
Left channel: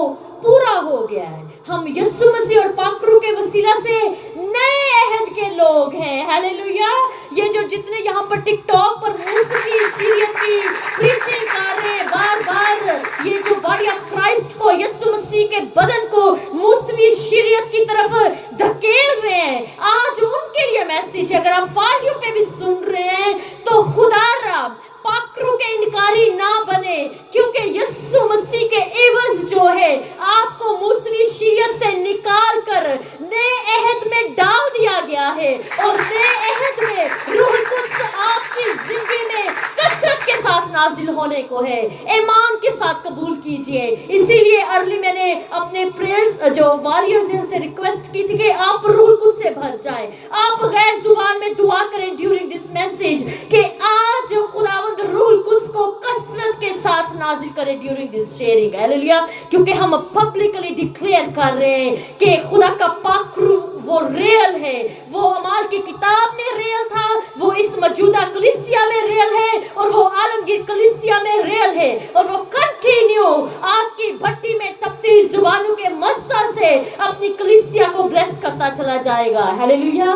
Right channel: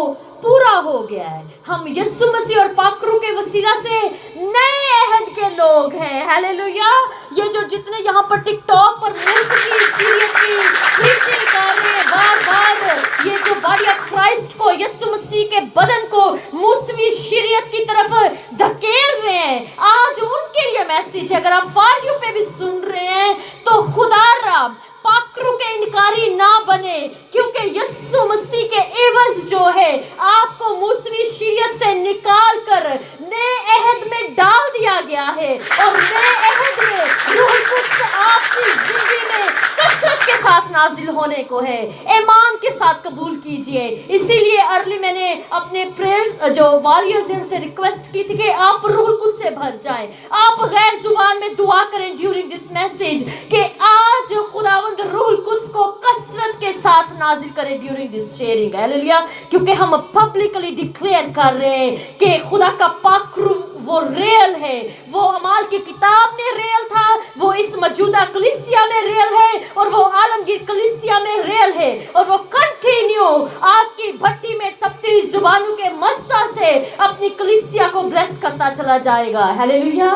पूरा हो गया है। हम यीशु मसीह और पाकरू के वसीला से नए अहद के लोग हैं। हालेलुया। ये जो जितने यहाँ पर टिकटॉक पर मूसवी शरीयत की प्रीचिंग कर रहे हैं, बार-बार ये जो बॉडी ऑफ क्राइस्ट को, यीशु मसीह के बदन को मूसवी शरीयत की तरफ धकेल रहे हैं, आज उनके लिए मैसेज है। अगर आप फारियों पे भी सुन रहे हैं तो खुदा रब पाकरू के इनकारी ना बने, क्योंकि यीशु मसीह के एवज जो है आपको मूसवी शरीयत से निकाल कर नए अहद में डाल दिया गया है। और नए अहद में रूह कुद्स आपकी जिंदगी में कसरत के साथ नाजिल होने को है। ईमान के साथ कबूल कीजिए। इसीलिए अर्ली मैंने अपने प्रेयर्स जो वॉरियर्स हैं उनसे रिक्वेस्ट की थी कि आप रूह कुद्स से भर जाएं। आप गैर जुबान में दुआ करें ड्यूरिंग दिस मैसेज कि आज खुदावंद रूह कुद्स उसको कसरत के साथ नाजिल करें ड्यूरिंग दिस शेयरिंग, हालेलुया। क्योंकि हम पब्लिकली डिक्लेयर कर रहे हैं कि खुदा का पाखरू वो रियल है, वो अमाल की किताब में रियल था, वो इस मौजूदा कलीसिया में रियल है, और वो आलमगीर कलीसिया में रियल है, और वो कंटिन्यू आग की भट्टी में तपती हुई जुबानों के मस्सा से अपनी कलीसिया को ब्लेस करता चला जाएगा, हालेलुया।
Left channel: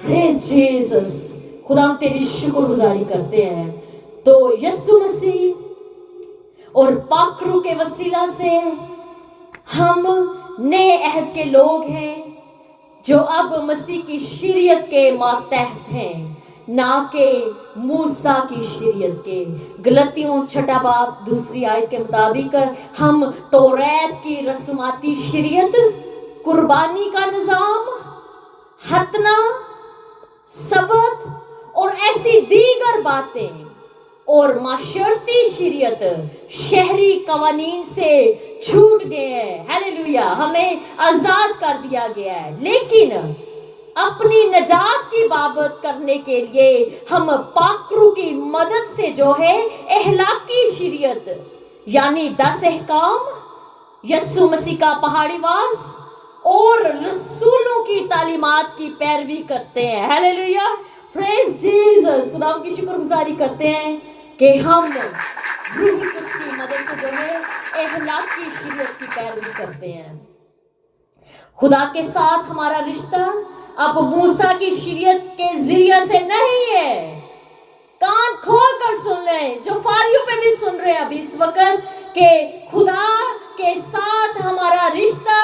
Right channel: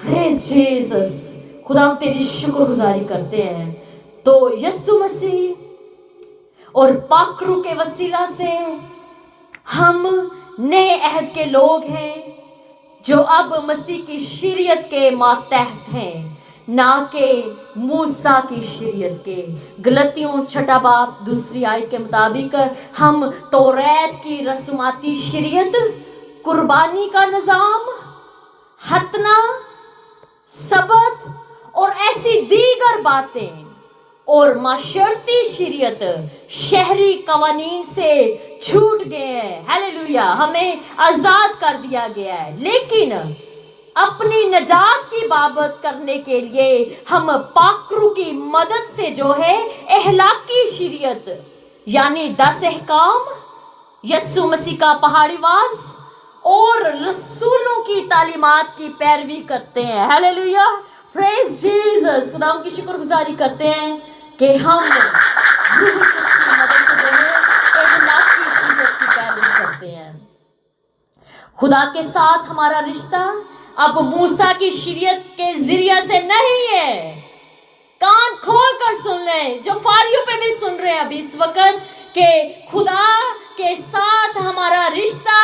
Praise Jesus. खुदा हम तेरी शुक्रगुजारी करते हैं। तो यीशु मसीह और पाखरू के वसीला से हम नए अहद के लोग हैं जो अब मसीह की शरीयत के मातहत हैं, ना के मूसा की शरीयत के। गलतियों 6 बाब 2 आयत के मुताबिक हम तौरात की रस्माती शरीयत, कुर्बानी का निज़ाम, हतना, सबत और ऐसी दीगर बातें और माशरती शरीयत शहरी कवानीन से छूट गए हैं, हालेलुया। हमें आजाद कर दिया गया है, लेकिन अपनी नजात की बाबत करने के लिए हम पाखरू की मदद से जो है अहलाकी शरीयत यानी 10 अहकाम, यीशु मसीह का पहाड़ी वास और रसूलों की तालीमात की पैरवी करते हैं, हालेलुया। Praise Jesus. खुदा की शुक्रगुजारी करते हैं कि हम रूह की मदद से जो है अहलाकी शरीयत की पैरवी करते हैं। खुदा के साथ हमारा रिश्ता अब मूसा की शरीयत के जरिए से नहीं है। कान खोल कर सुन लें, जो फारियों पे भी सुन रहे हैं अभी इस वक्त, के खुदा के साथ हमारा रिश्ता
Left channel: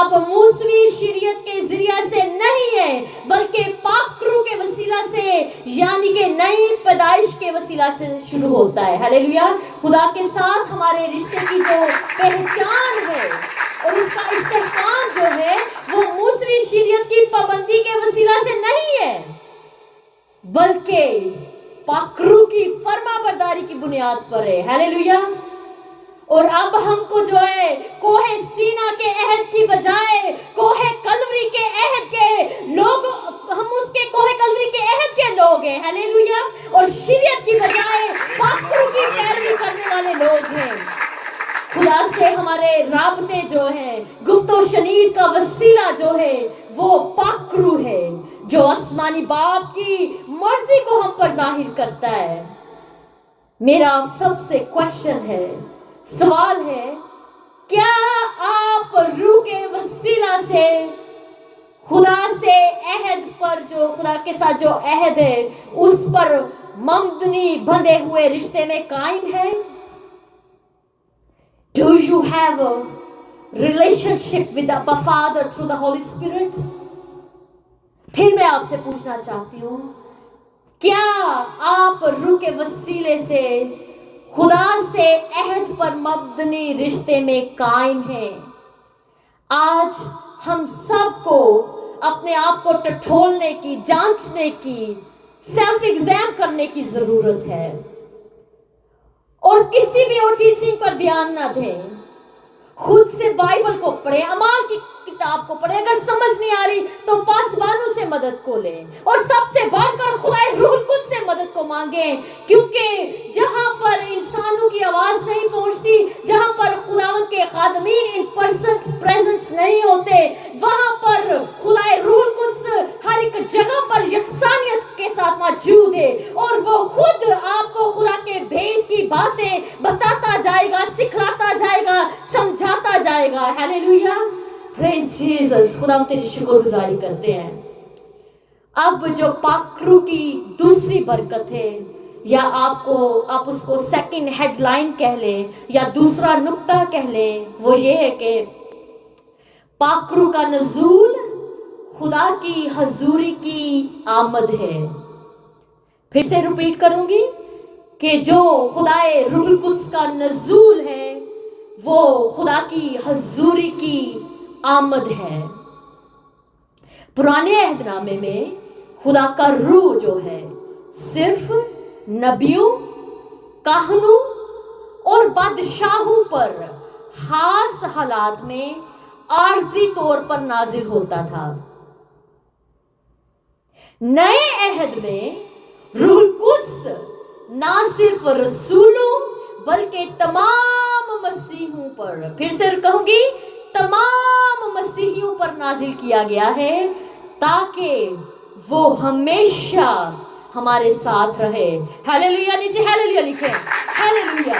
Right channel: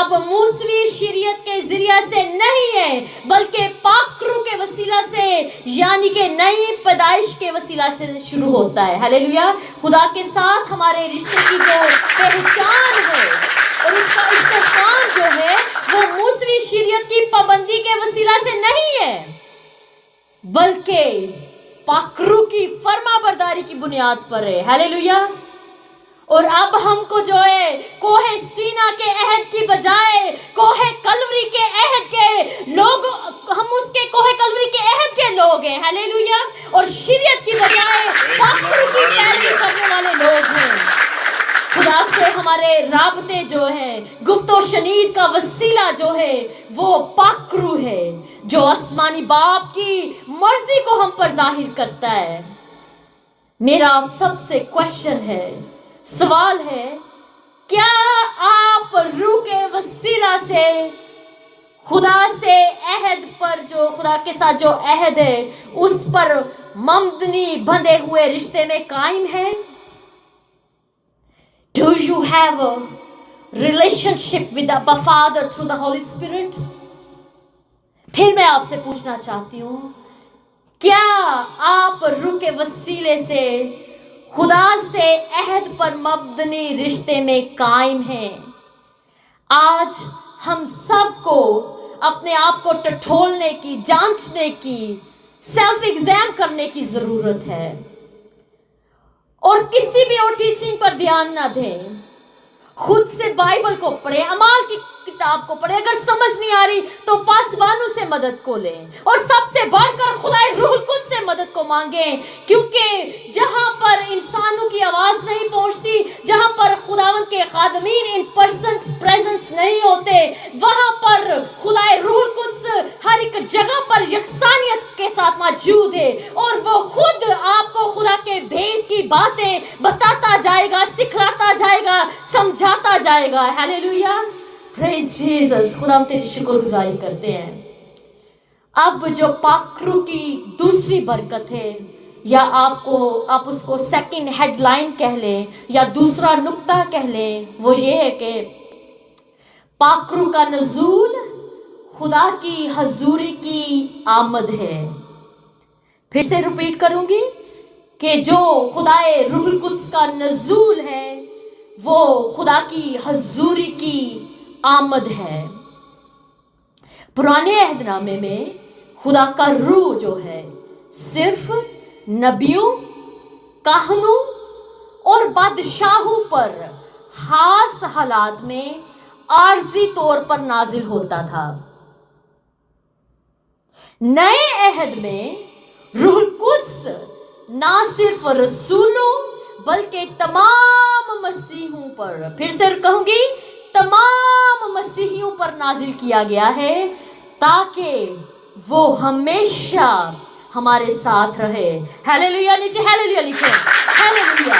अब मूसवी शरीयत के जरिए से नहीं है, बल्कि पाखरू के वसीला से यानी कि नई पैदाइश के वसीला से शुरू होता है, हालेलुया। खुदा के साथ हमारे रिश्ते की जो पहचान है और उसका इस्तेमाल जो है वो मूसवी शरीयत की पाबंदी के वसीला से नहीं है, बल्कि पाखरू की फर्माबरदारी की बुनियाद पर है, हालेलुया। और अब हमको जो है कोहे सीना के अहद की बजाय कोहे कलवरी के अहद के लोग, हम उसके कोहे कलवरी के अहद के लोग हैं, हालेलुया। और शरीयत की बजाय पाखरू की पैरवी करने वाले लोग हैं। खुदा से हमारे राबते जो हैं, गुफ्तो शनीद का वसीला जो है वो पाखरू है, जो आसमानी बाप की मर्जी को हम पर जाहिर करता है। मेरा आप सबसे क्वेश्चन है, सवाल है, क्या आप रूह के वसीला से खुदा से अहद पर, जो खुदा के साथ जो अहद है उस पर ममदनी बंधे हुए रिश्ते में कायम है? Do you have a relationship with the Abba Father through the Holy Spirit? फिर मैं आपसे पूछना चाहती हूँ, क्या आप रूह के वसीले से खुदा से अहद पर मबदनी रिश्ते में कायम हैं? आज हम सबको अपने आप को टटोलने की, जांचने की, सेल्फ एग्जाम करने की जरूरत है, और किसी भी और टीचिंग पर ध्यान ना दें। खुद से बाइबल को पढ़े, अमाल की किताब को पढ़े, अगर समझ नहीं आ रही तो पासवानों से मदद को लें, और सबसे बढ़कर खुदा रूह कुद से मदद को मांगें, क्योंकि जहां पर इंसानों की आवाज नहीं पहुंचती, जहां पर खुदावंद के खादमीन इन पर्सन प्रेजेंस नहीं होते, वहां पर खुदा रूह कुद हर एक जगह पर यकसानियत के साथ मौजूद है, और वो खुद आपको खुदा के भेद की बातें बताता जाएगा, सिखलाता जाएगा, समझाता जाएगा, हालेलुया। Praise Jesus. खुदा हम तेरी शुक्रगुजारी करते हैं। अब जो पाखरू की दूसरी बरकत है, या आप उसको सेकंड हेडलाइन कह लें या दूसरा नुक्ता कह लें, वो ये है कि पाखरू का नज़ूल खुदा की हजूरी की आमद है। फिर से रिपीट करूंगी कि जो खुदाए रूह कुद्स का नज़ूल है वो खुदा की हजूरी की आमद है। पुराने अहदनामे में खुदा का रूह जो है सिर्फ नबियों, काहनों और बादशाहों पर खास हालात में आर्जी तौर पर नाजिल होता था। नए अहद में रूह कुद्स ना सिर्फ रसूलों बल्कि तमाम मसीहों पर, फिर से कहूंगी, तमाम मसीहियों पर नाजिल किया गया है, ताकि वो हमेशा हमारे साथ रहे। हालेलुया, नीचे हालेलुया लिखे, हालेलुया।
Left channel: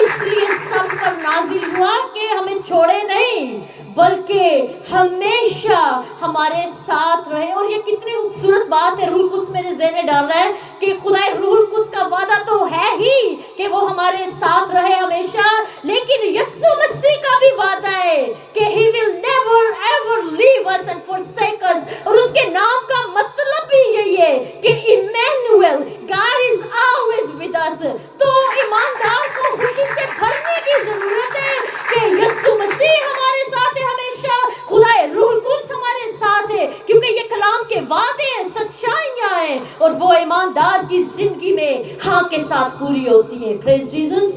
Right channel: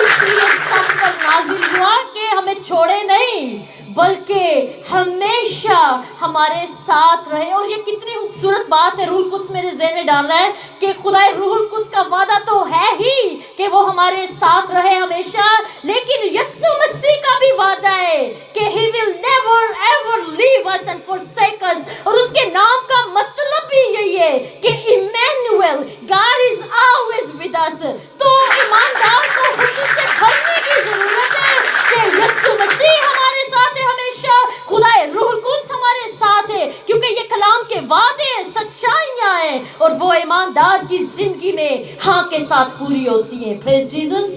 इसलिए सब पर नाजिल हुआ कि हमें छोड़े नहीं बल्कि हमेशा हमारे साथ रहे। और ये कितनी खूबसूरत बात है रूहुल कुद्स मेरे ज़हन में डाल रहा है कि खुदा रूहुल कुद्स का वादा तो है ही कि वो हमारे साथ रहे हमेशा, लेकिन यीशु मसीह का भी वादा है कि he will never ever leave us and forsake us। और उसके नाम का मतलब भी यही है कि Emmanuel, God is always with us। तो ईमानदार को खुशी से भरने की जरूरत है कि यीशु मसीह हमारे साथ है हमेशा, खुदा रूहुल कुद्स हमारे साथ है, क्योंकि ये कलाम के वादे हैं, सच्चाइयां हैं, और वो ईमानदार की जिंदगी में हाँ के साथ पूरी होती हैं। Praise Jesus.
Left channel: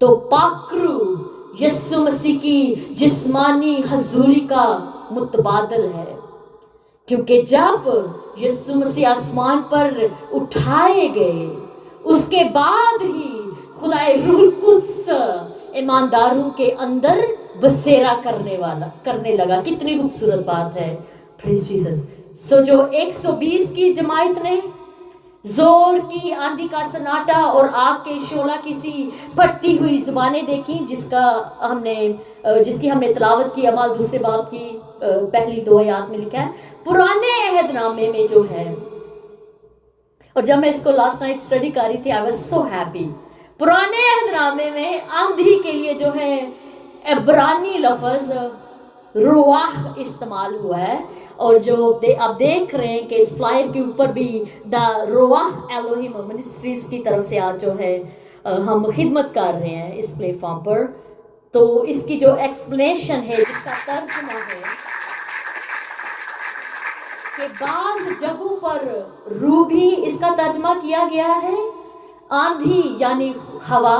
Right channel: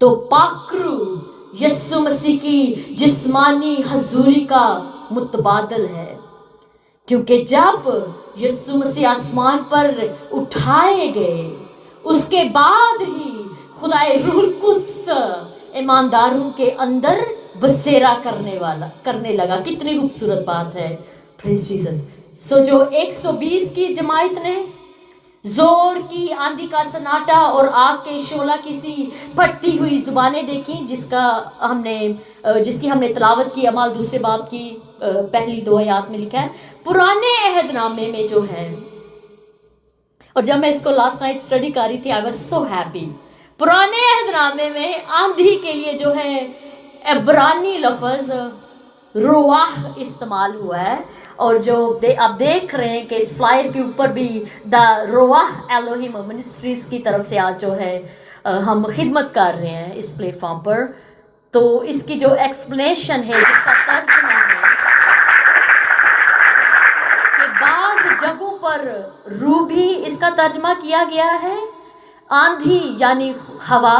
तो पाकरू यीशु मसीह की जिस्मानी हजूरी का मुतबादल है, क्योंकि जब यीशु मसीह आसमान पर उठाए गए उसके बाद ही खुदाए रूहुल कुद्स ईमानदारों के अंदर बसेरा करने लगा। कितनी खूबसूरत बात है। Praise Jesus. सो जो 120 की जमात ने जोर की आंधी का सन्नाटा और आग के शोला की सी फटती हुई जुबानें देखी, जिसकी हमने तिलावत की। अमाल दूसरे बाब की पहली 2 आयत में लिखा है, पुराने अहदनामे में जो है, और जब मैं इसको लास्ट नाइट स्टडी कर रही थी, आई वाज सो हैप्पी। पुराने अहदनामे में आंधी के लिए जो है इब्रानी लफ्ज रुआह इस्तेमाल हुआ है, और जो आप देख रहे हैं कि इस फ्लायर के ऊपर भी द रुआह एलोहिम मिनिस्ट्रीज की तरफ से आज जो है हम खिदमत कर रहे हैं इस प्लेटफॉर्म पर। तो इसकी जो एक्सप्लेनेशन है, जिसका तर्जुमा है कि बाज़ जगहों पर रूबी इसका तर्जुमा किया गया है, आंधी यानी हवा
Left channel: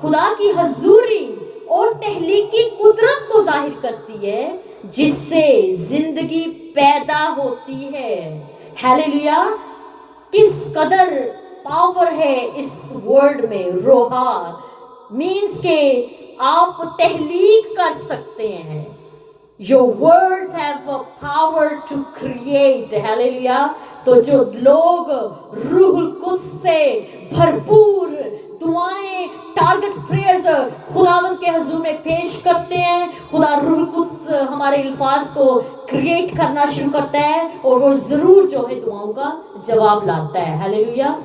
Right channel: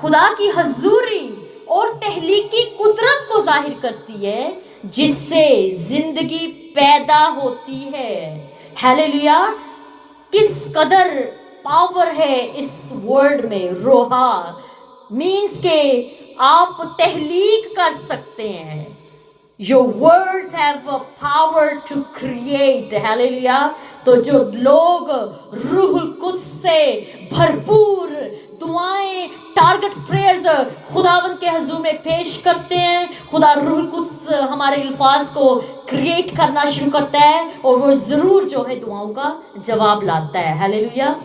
खुदा की हजूरी और तहलीकी कुदरत को जाहिर करती है, जिससे जिंदगी पैदा होती है। हालेलुया। किस कदर पावर है इस वर्ड में। रोहा मीन्स के आप तहलीक कर सकते हैं। Your words have a power to create। Hallelujah. तो जो लोग रूहुल कुद्स से भरपूर दुआएं, टारगेट प्रेयर्स खुदावंद के हुजूर में पेश करते हैं, खुदा रूहुल कुद्स हमारे अल्फाज को क्रिएट करना शुरू करता है, और वो जरूर जो है दुआओं का जवाब लाता है। हालेलुया।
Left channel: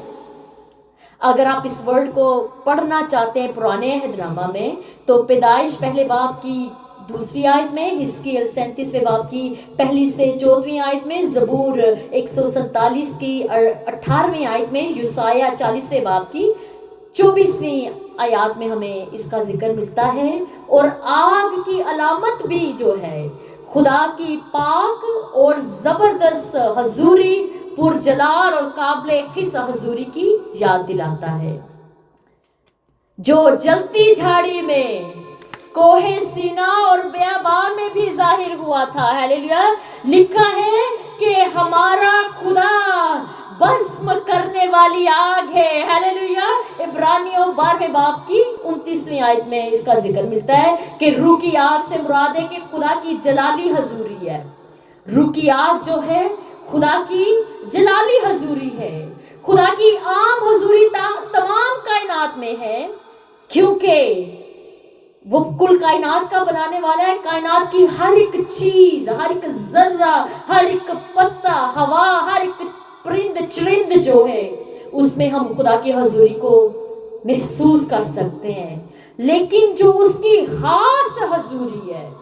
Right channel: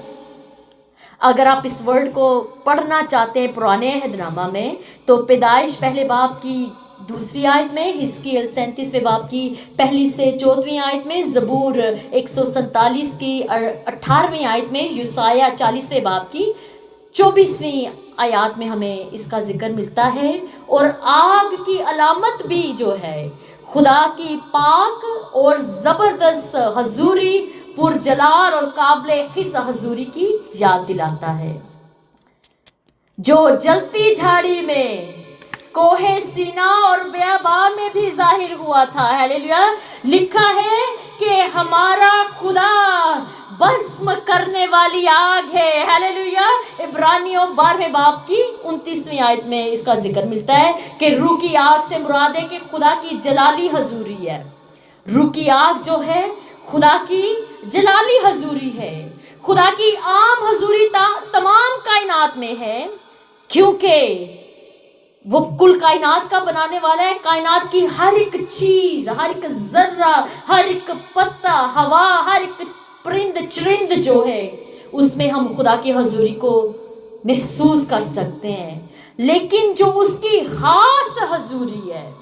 अगर आप इस वर्ड को पढ़ना चाहते हैं पुराने अहदनामा में, तो पैदाइश पहले बाब की 2 आयत में, हिस्कियल 37वें बाब की 1 से 14वीं आयत में, ज़बूर 147 की 18वीं आयत में, यूसाया 40वें बाब की 24वीं आयत में हमें इसका जिक्र मिलता है। और आग की अलामत भी जो है खुदा की पाक और ज़बरदस्त हजूरी, पुरजलाल और काबिल खिस हजूरी की याद दिलाता है, जो जलती झाड़ी में, कोहे सीना और बेयाबान में भी जाहिर हुआ था। हालेलुया। लिखा है कि हमारा खुदा भस्म करने वाली आग है। हालेलुया। इब्रानियों 12वें बाब की 29वीं आयत में इसका जिक्र मिलता है कि रूह की आग से मुराद है कि खुदा की जलाली हजूरी है। रूह की आग जो है खुदा की जलाली हजूरी है। खुदा की आम हजूरी तमाम कायनात में है, क्योंकि वो कुल कायनात का बनाने वाला है। कायनात की हर एक चीज, हर एक जर्रा, हर एक पत्ता, हवा, हर एक परिंद चरिंद जो है, उसमें हम खुदा की हजूरी को महसूस कर सकते हैं। लेकिन जो उसकी खास हजूरी है,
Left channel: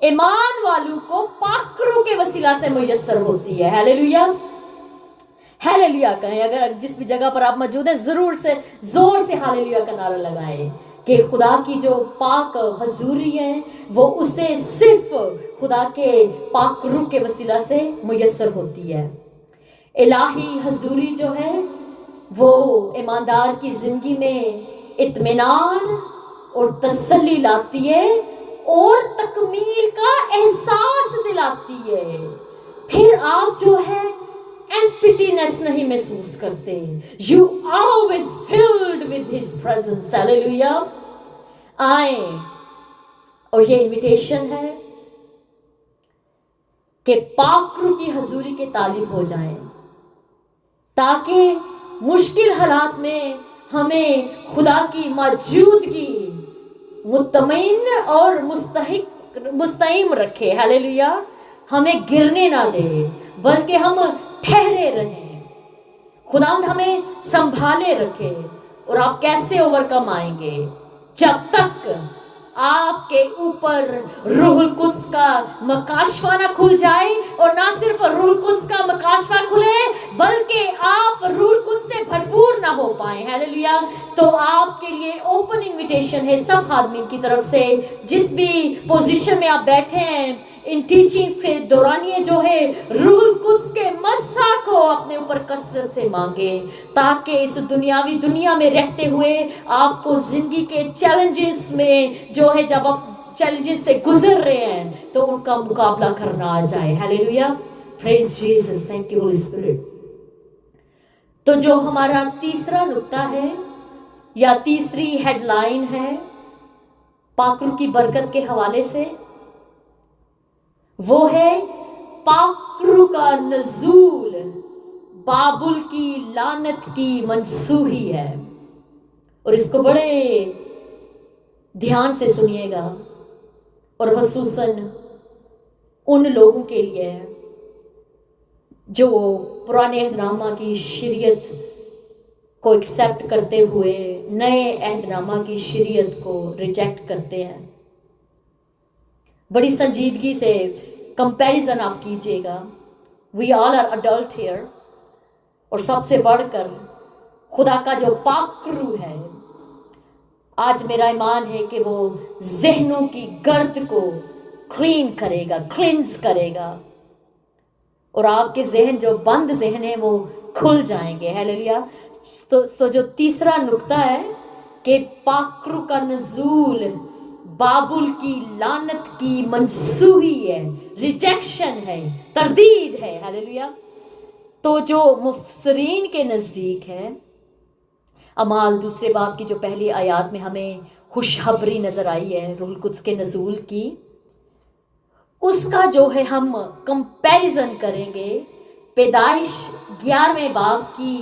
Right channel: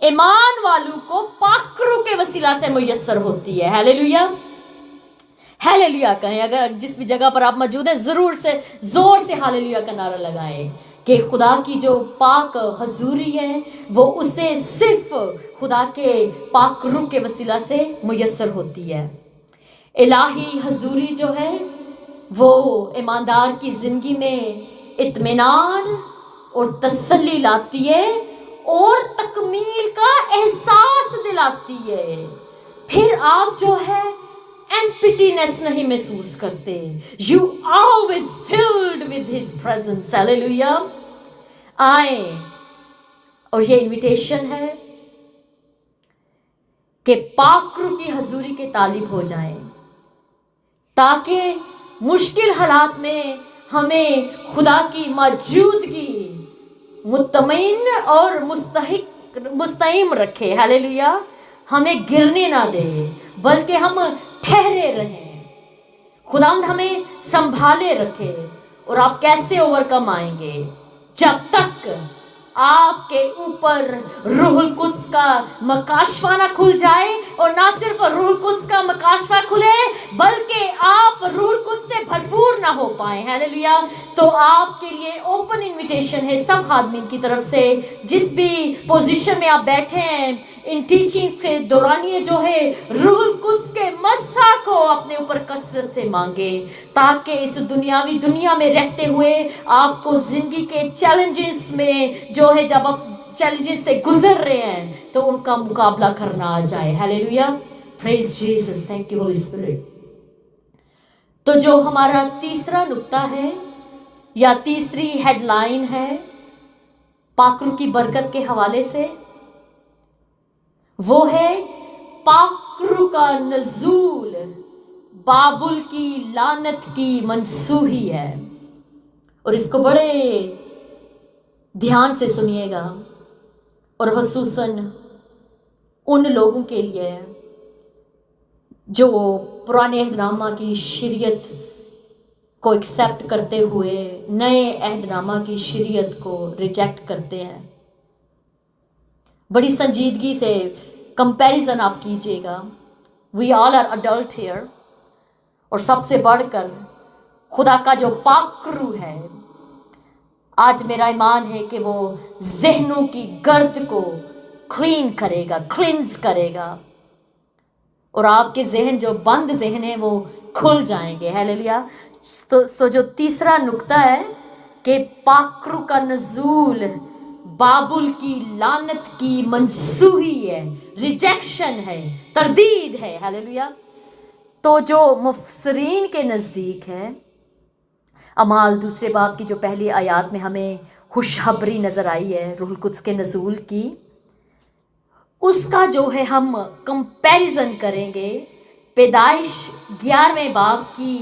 ईमान वालों को पाकरू के वसीला से मुयस्सर होती है। हालेलुया। हालेलुया कहें। अगर जिस भी जगह पर आप मौजूद हैं, जरूर से जोर से हालेलुया का नारा लगाएं कि खुदा की जो पाक हजूरी है वो उसे सिर्फ खुदा के पाक रूह के वसीला से मुयस्सर होती है। इलाही हजूरी जो है वो ईमानदार की जिंदगी में इत्मीनान और तसल्ली लाती है और तकमील का एहसास दिलाती है। फिर आप जो है एम्प्टीनेस नहीं महसूस करते. You always filled with His presence. Hallelujah. आए और ये इनविटेशन है कि पाकरू की हजूरी के तालिब हो जाएं, ताकि मुश्किल हालात में हमें खुदा की मौजूदगी मुतमईन और मुस्तईम रखे. हालेलुया. हमें गिरने ना दे, बल्कि हम ठहरे रहें. खुदावंद हमें संभाले रखे. और आप कैसे ओवरकम आएंगे? जब तक आपके ऊपर रूहुल कुद्स का मकाशफा ना खुल जाए, और ना सिर्फ रूहुल कुद्स का मकाशफा खुले, बल्कि आप रूहुल कुद्स से भरपूर ना हो पाए. हालेलुया. तो आपके लिए ओपन इनविटेशन है सब आदमी की तरफ से, जिस भी पोजीशन में आप बैठे हैं, इन टीचिंग के दौरानिए जो है रूहुल कुद्स के मस्सा को अपने ऊपर कसरत से मांगे, ताकि इस दुनियावी दुनिया में रहते हुए आपको जिंदगी के चैलेंजेस में जो है, जब आप चैलेंजेस से गुजर रहे हैं, तो उनका मुकाबला करना आ जाए. Hallelujah. Praise Jesus. Thank you Holi spirit. तो जो हमारा तीसरा नुक्ता है या तीसरी हेडलाइन है पाकरू की बरकत के हवाले से, वो है पाकरू का नजूल बाबुल की लानत की मनसूही है. और इसको बड़े ध्यान से सुनिएगा, और खसूसन उन लोगों के लिए जो पुराने अहदनामा की शरीयत को एक्सेप्ट करते हुए नए अहदनामा की शरीयत को रिजेक्ट करते हैं. बड़ी संजीदगी से कंपैरिजन आप कीजिएगा. We all are adult here. और सबसे बढ़कर खुदा का जो पाकरू है, आज मेरा ईमान है कि वो जहनों की गर्द को क्लीन करेगा, क्लिंस करेगा, और आपके जहन जो बंद जहन है वो खुल जाएंगे. हालेलुया. तो जो तीसरा नुक्ता है कि पाकरू का नजूल बाबुल की लानत की मनसूही है, रिजेक्शन है, तरदीद है. हालेलुया. तो जो मुफसरीन के नज़दीक है, अमाल दूसरे बाब की जो पहली आयत में हमें खुशखबरी नज़र आई है रूहुल कुद्स के नज़ूल की, उसका जो है हम कंपैरिजन करेंगे पैदाइश 11वें बाब की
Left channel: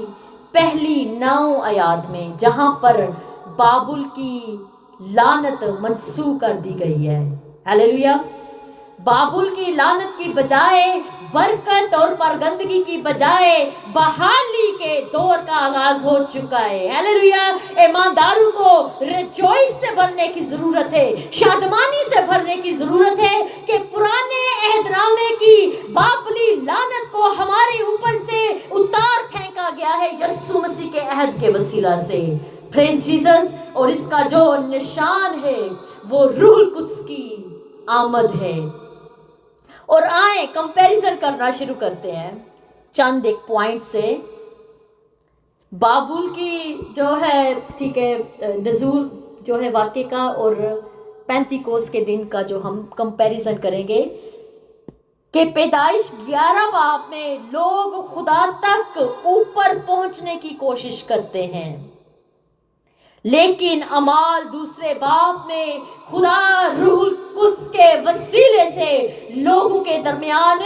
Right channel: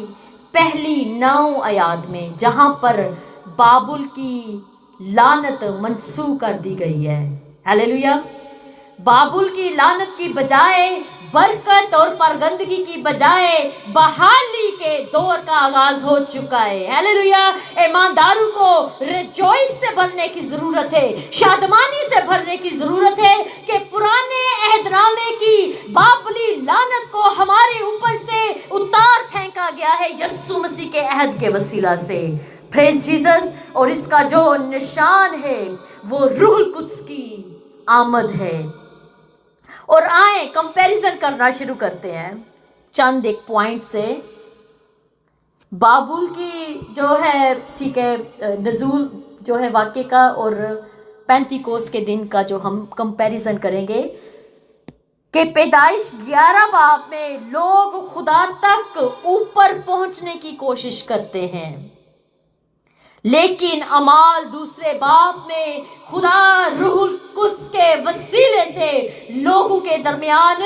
पहली 9 आयत में, जहां पर बाबुल की लानत मनसूख कर दी गई है. हालेलुया. बाबुल की लानत की बजाय बरकत और परगंदगी की बजाय बहाली के दौर का आगाज हो चुका है. हालेलुया. ईमानदारों को रिजॉइस से भरने की जरूरत है, शादमानी से भरने की जरूरत है कि पुराने अहदनामे की बाबुली लानत को हमारे ऊपर से उतार फेंका गया है यीशु मसीह के अहद के वसीला से. Praise Jesus. और इसका जो निशान है वो रूहुल कुद्स की आमद है. और आए कंपैरिजन करना शुरू करते हैं चंद एक पॉइंट से. बाबुल की जो है, ठीक है, नज़ूल जो है वाक़े का, और पेंतिकोस के दिन का जो हम कंपैरिजन करेंगे कि पैदाइश 11 बाब में लोग खुदा तक ऊपर पहुंचने की कोशिश करते हैं, लेकिन अमाल दूसरे बाब में खुदा रूहुल कुद्स के वसीले से लोगों के दरमियान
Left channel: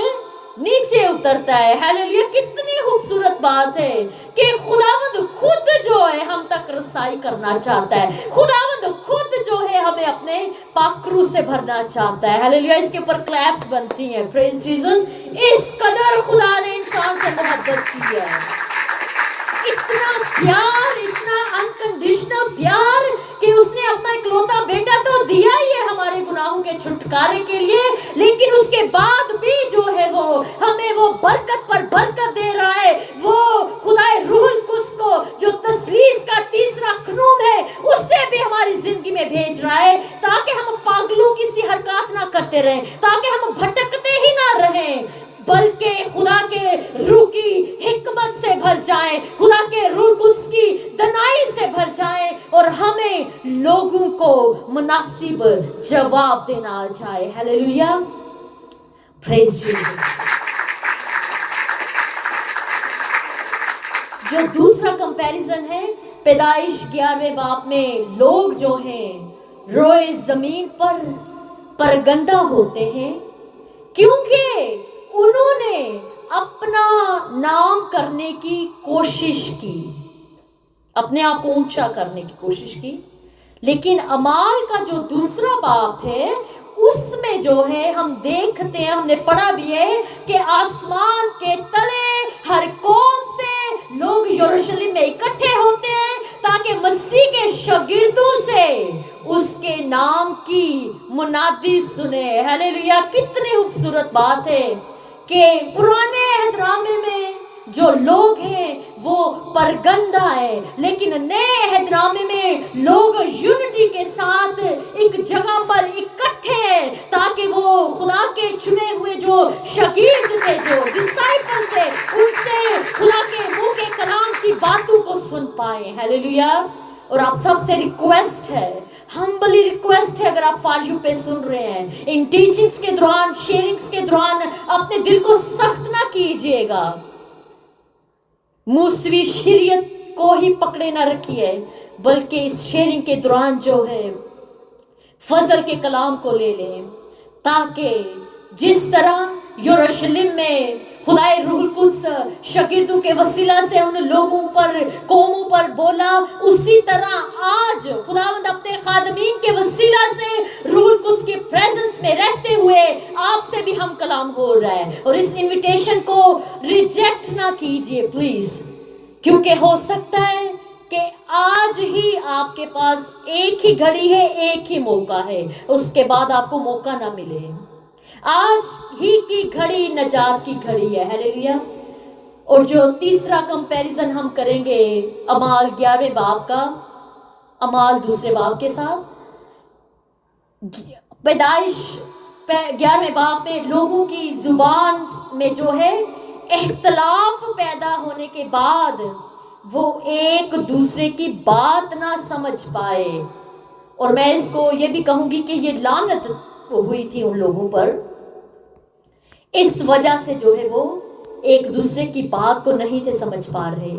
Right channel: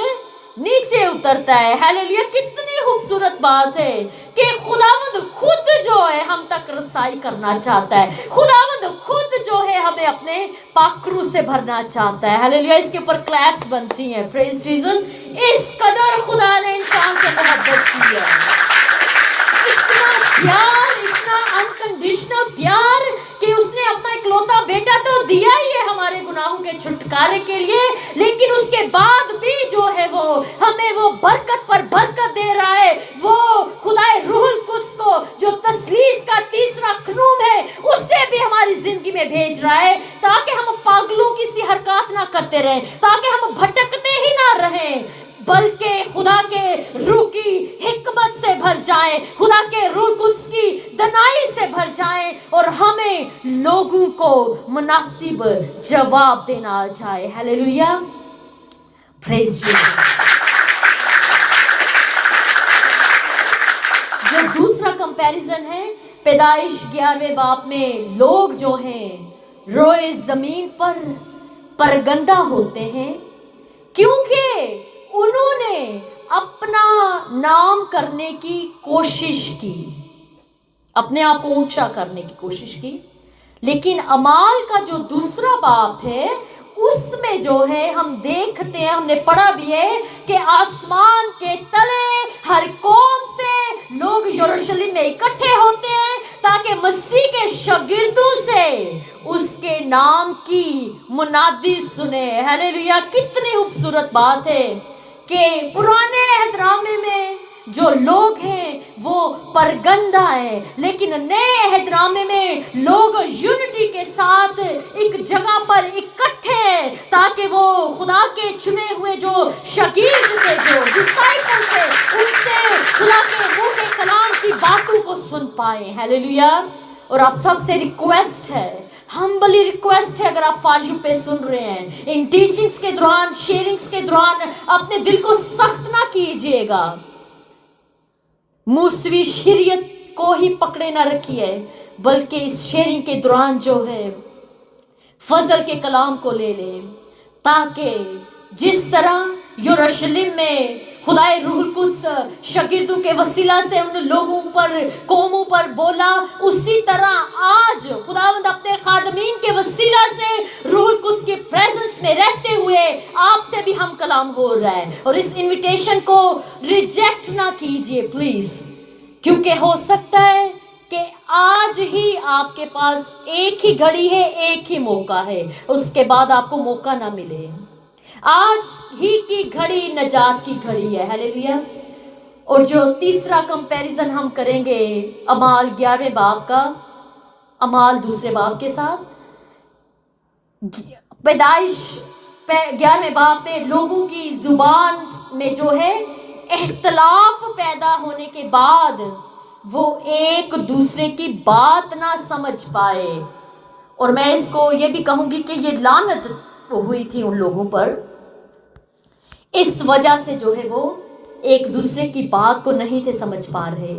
नीचे उतरता है. हालेलुया. कितनी खूबसूरत बात है कि खुदावंद खुद जो है हम तक रसाई करना चाहता है. खुदावंद खुद जो है हमें अपने पाकरू से भरना चाहता है. हालेलुया. इसके ऊपर क्लैप्स बनती हैं. Praise Jesus. इस कदर खुदा ने इंसान से मोहब्बत की है. इतना प्यार, इतना अनकंडीशनल प्यार कि उसने अपना इकलौता बेटा तो दिया ही है हमारे गुनाहों के छुटकारे के लिए, लेकिन उसके बाद भी जो है वो हमें वो बरकत पर बरकत दे रहा है. वो खुदाए रूहुल कुद्स को जो तस्लीस का तीसरा ख़ुनूम है उससे भी हमारी जिंदगी में भेज रहा है, ताकि हम पागलों की सी हरकत ना करते रहें, ताकि हम भटकते ही ना रहें, बल्कि खुदा के रूह की हिकमत से भर जाए, खुदा के रूह कुद्स की दनाई से भर जाए, और हमें लोगों को मुनासिब जवाब देना आ जाए. हालेलुया. Praise Jesus. कंपैरिजन है पैदाइश 11वें बाब में, लोग जो हैं रोए जमीन पर गंदा होते हैं क्योंकि उन्होंने अपना नाम करने की कोशिश की, अपने आप को ऊंचा करने की कोशिश की। लेकिन अमाल का जो दूसरा बाप है उसमें जो है हम देखते हैं, हमने पढ़ा भी है कि आसमान के तले हर कौम से लोग यरूशलेम में इकट्ठे होते हैं ताकि मसीह के शागिर्दों से उसके नाम की मुनादी सुने। हालेलुया! कितनी खूबसूरत बात है कि पुराने अहदनामे में जो लोग हैं वो परगंदा है, लेकिन नए अहदनामे में लोग यूनिटी के साथ एक जगह पर इकट्ठे हैं ताकि वो खुदा के चुने हुए जो शागिर्द थे, जो डिसाइपल थे, उनसे खुदा के मुंह के कलाम की बातों को सुन पाए। हालेलुया! और आप सबसे रिक्वेस्ट है, हम्बली रिक्वेस्ट है, अगर आप फाजू पे सुन रहे हैं, इन टीचिंग्स के दौरान, शेयरिंग्स के दौरान अपने दिल को सख्त ना कीजिएगा, मूसवी शरीयत को ही पकड़े ना रखिए, बल्कि इस शेयरिंग के दौरान जो है फजल के कलाम को ले लें, ताकि जिस तरह यरूशलेम में खुदाए रूहुल कुद्स शागिर्दों के वसीला से उन लोगों पर, कौमों पर बोला, उसी तरह आज खुदावंद अपने खादमीन के वसीला से रूहुल कुद्स के प्रेजेंस में रहते हुए आपसे भी हम कलाम हो रहा है। और इस इनविटेशन को रिजेक्ट ना कीजिए प्लीज, क्योंकि हो सकता है कि आज ही आपके पास एक ही घड़ी है, एक ही मौका है, उसके बाद आपको मौका ना मिले। आज ही की घड़ी नजात की घड़ी है। हालेलुया! और जो तीसरा कंपैरिजन हम करेंगे अमाल 11वें बाब का, अमाल दूसरे बाब के साथ, पैदाइश 11वें बाब में लोगों की जुबान में जो है इख्तलाफ पैदा होने के बाद वो एक दूसरे की बात ना समझ पाए। और मैं इसको ये भी कहूंगी कि ये लानत हुई थी उन लोगों पर, इस वजह से जो है वो एक दूसरे की बात को नहीं थे समझ पा रहे।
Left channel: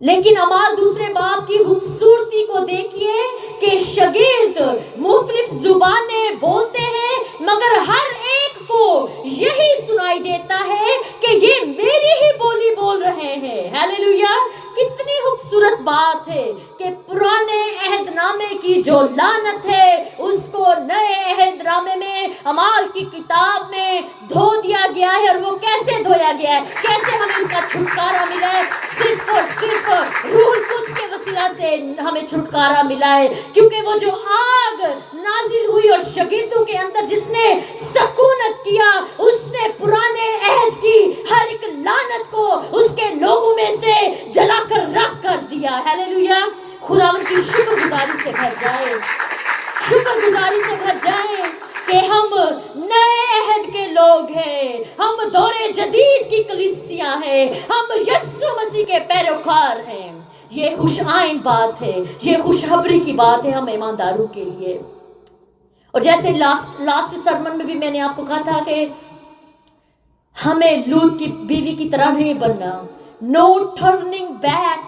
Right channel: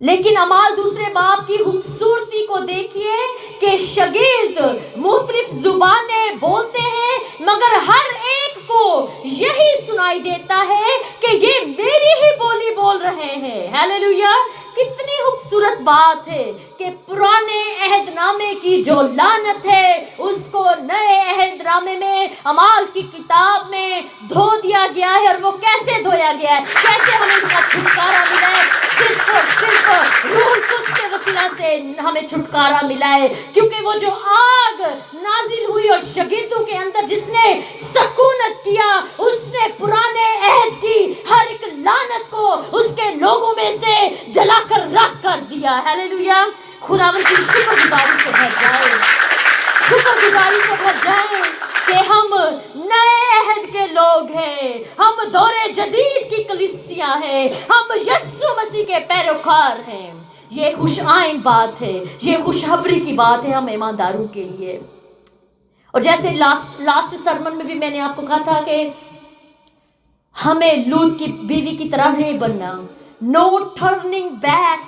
लेकिन अमाल दूसरे बाब की खूबसूरती को देखिए कि शागिर्द मुख्तलिफ जुबानें बोलते हैं, मगर हर एक को यही सुनाई देता है कि ये मेरी ही बोली बोल रहे हैं। हालेलुया! कितनी खूबसूरत बात है कि पुराने अहदनामे की जो लानत है उसको नए अहदनामे में, अमाल की किताब में धो दिया गया है। और वो कैसे धोया गया है, कैसे हमें इसका छुटकारा मिला है? सिर्फ और सिर्फ रूहुल कुद्स के वसीला से हमें छुटकारा मिला है, क्योंकि वो जो आग नाजिल हुई और शागिर्दों के अंदर जिसने सकूनत किया, उसने पुराने अहद की हर एक लानत को उसके लोगों में से जलाकर राख कर दिया। हालेलुया! खुदावंद की शुक्रगुजारी से भर जाए, शुक्रगुजारी से भर जाए कि हम नए अहद के लोग हैं, हम दौरे जदीद की कलीसिया है, हम यीशु मसीह के पैरोकार हैं। ये खुश आइन बात है, ये खुशखबरी की बात है हम ईमानदारों के लिए। और जैसे लास्ट सरमन में भी मैंने आपको कहा था कि हमें लूत की बीवी की तरह नहीं बनना, नो टर्निंग बैक।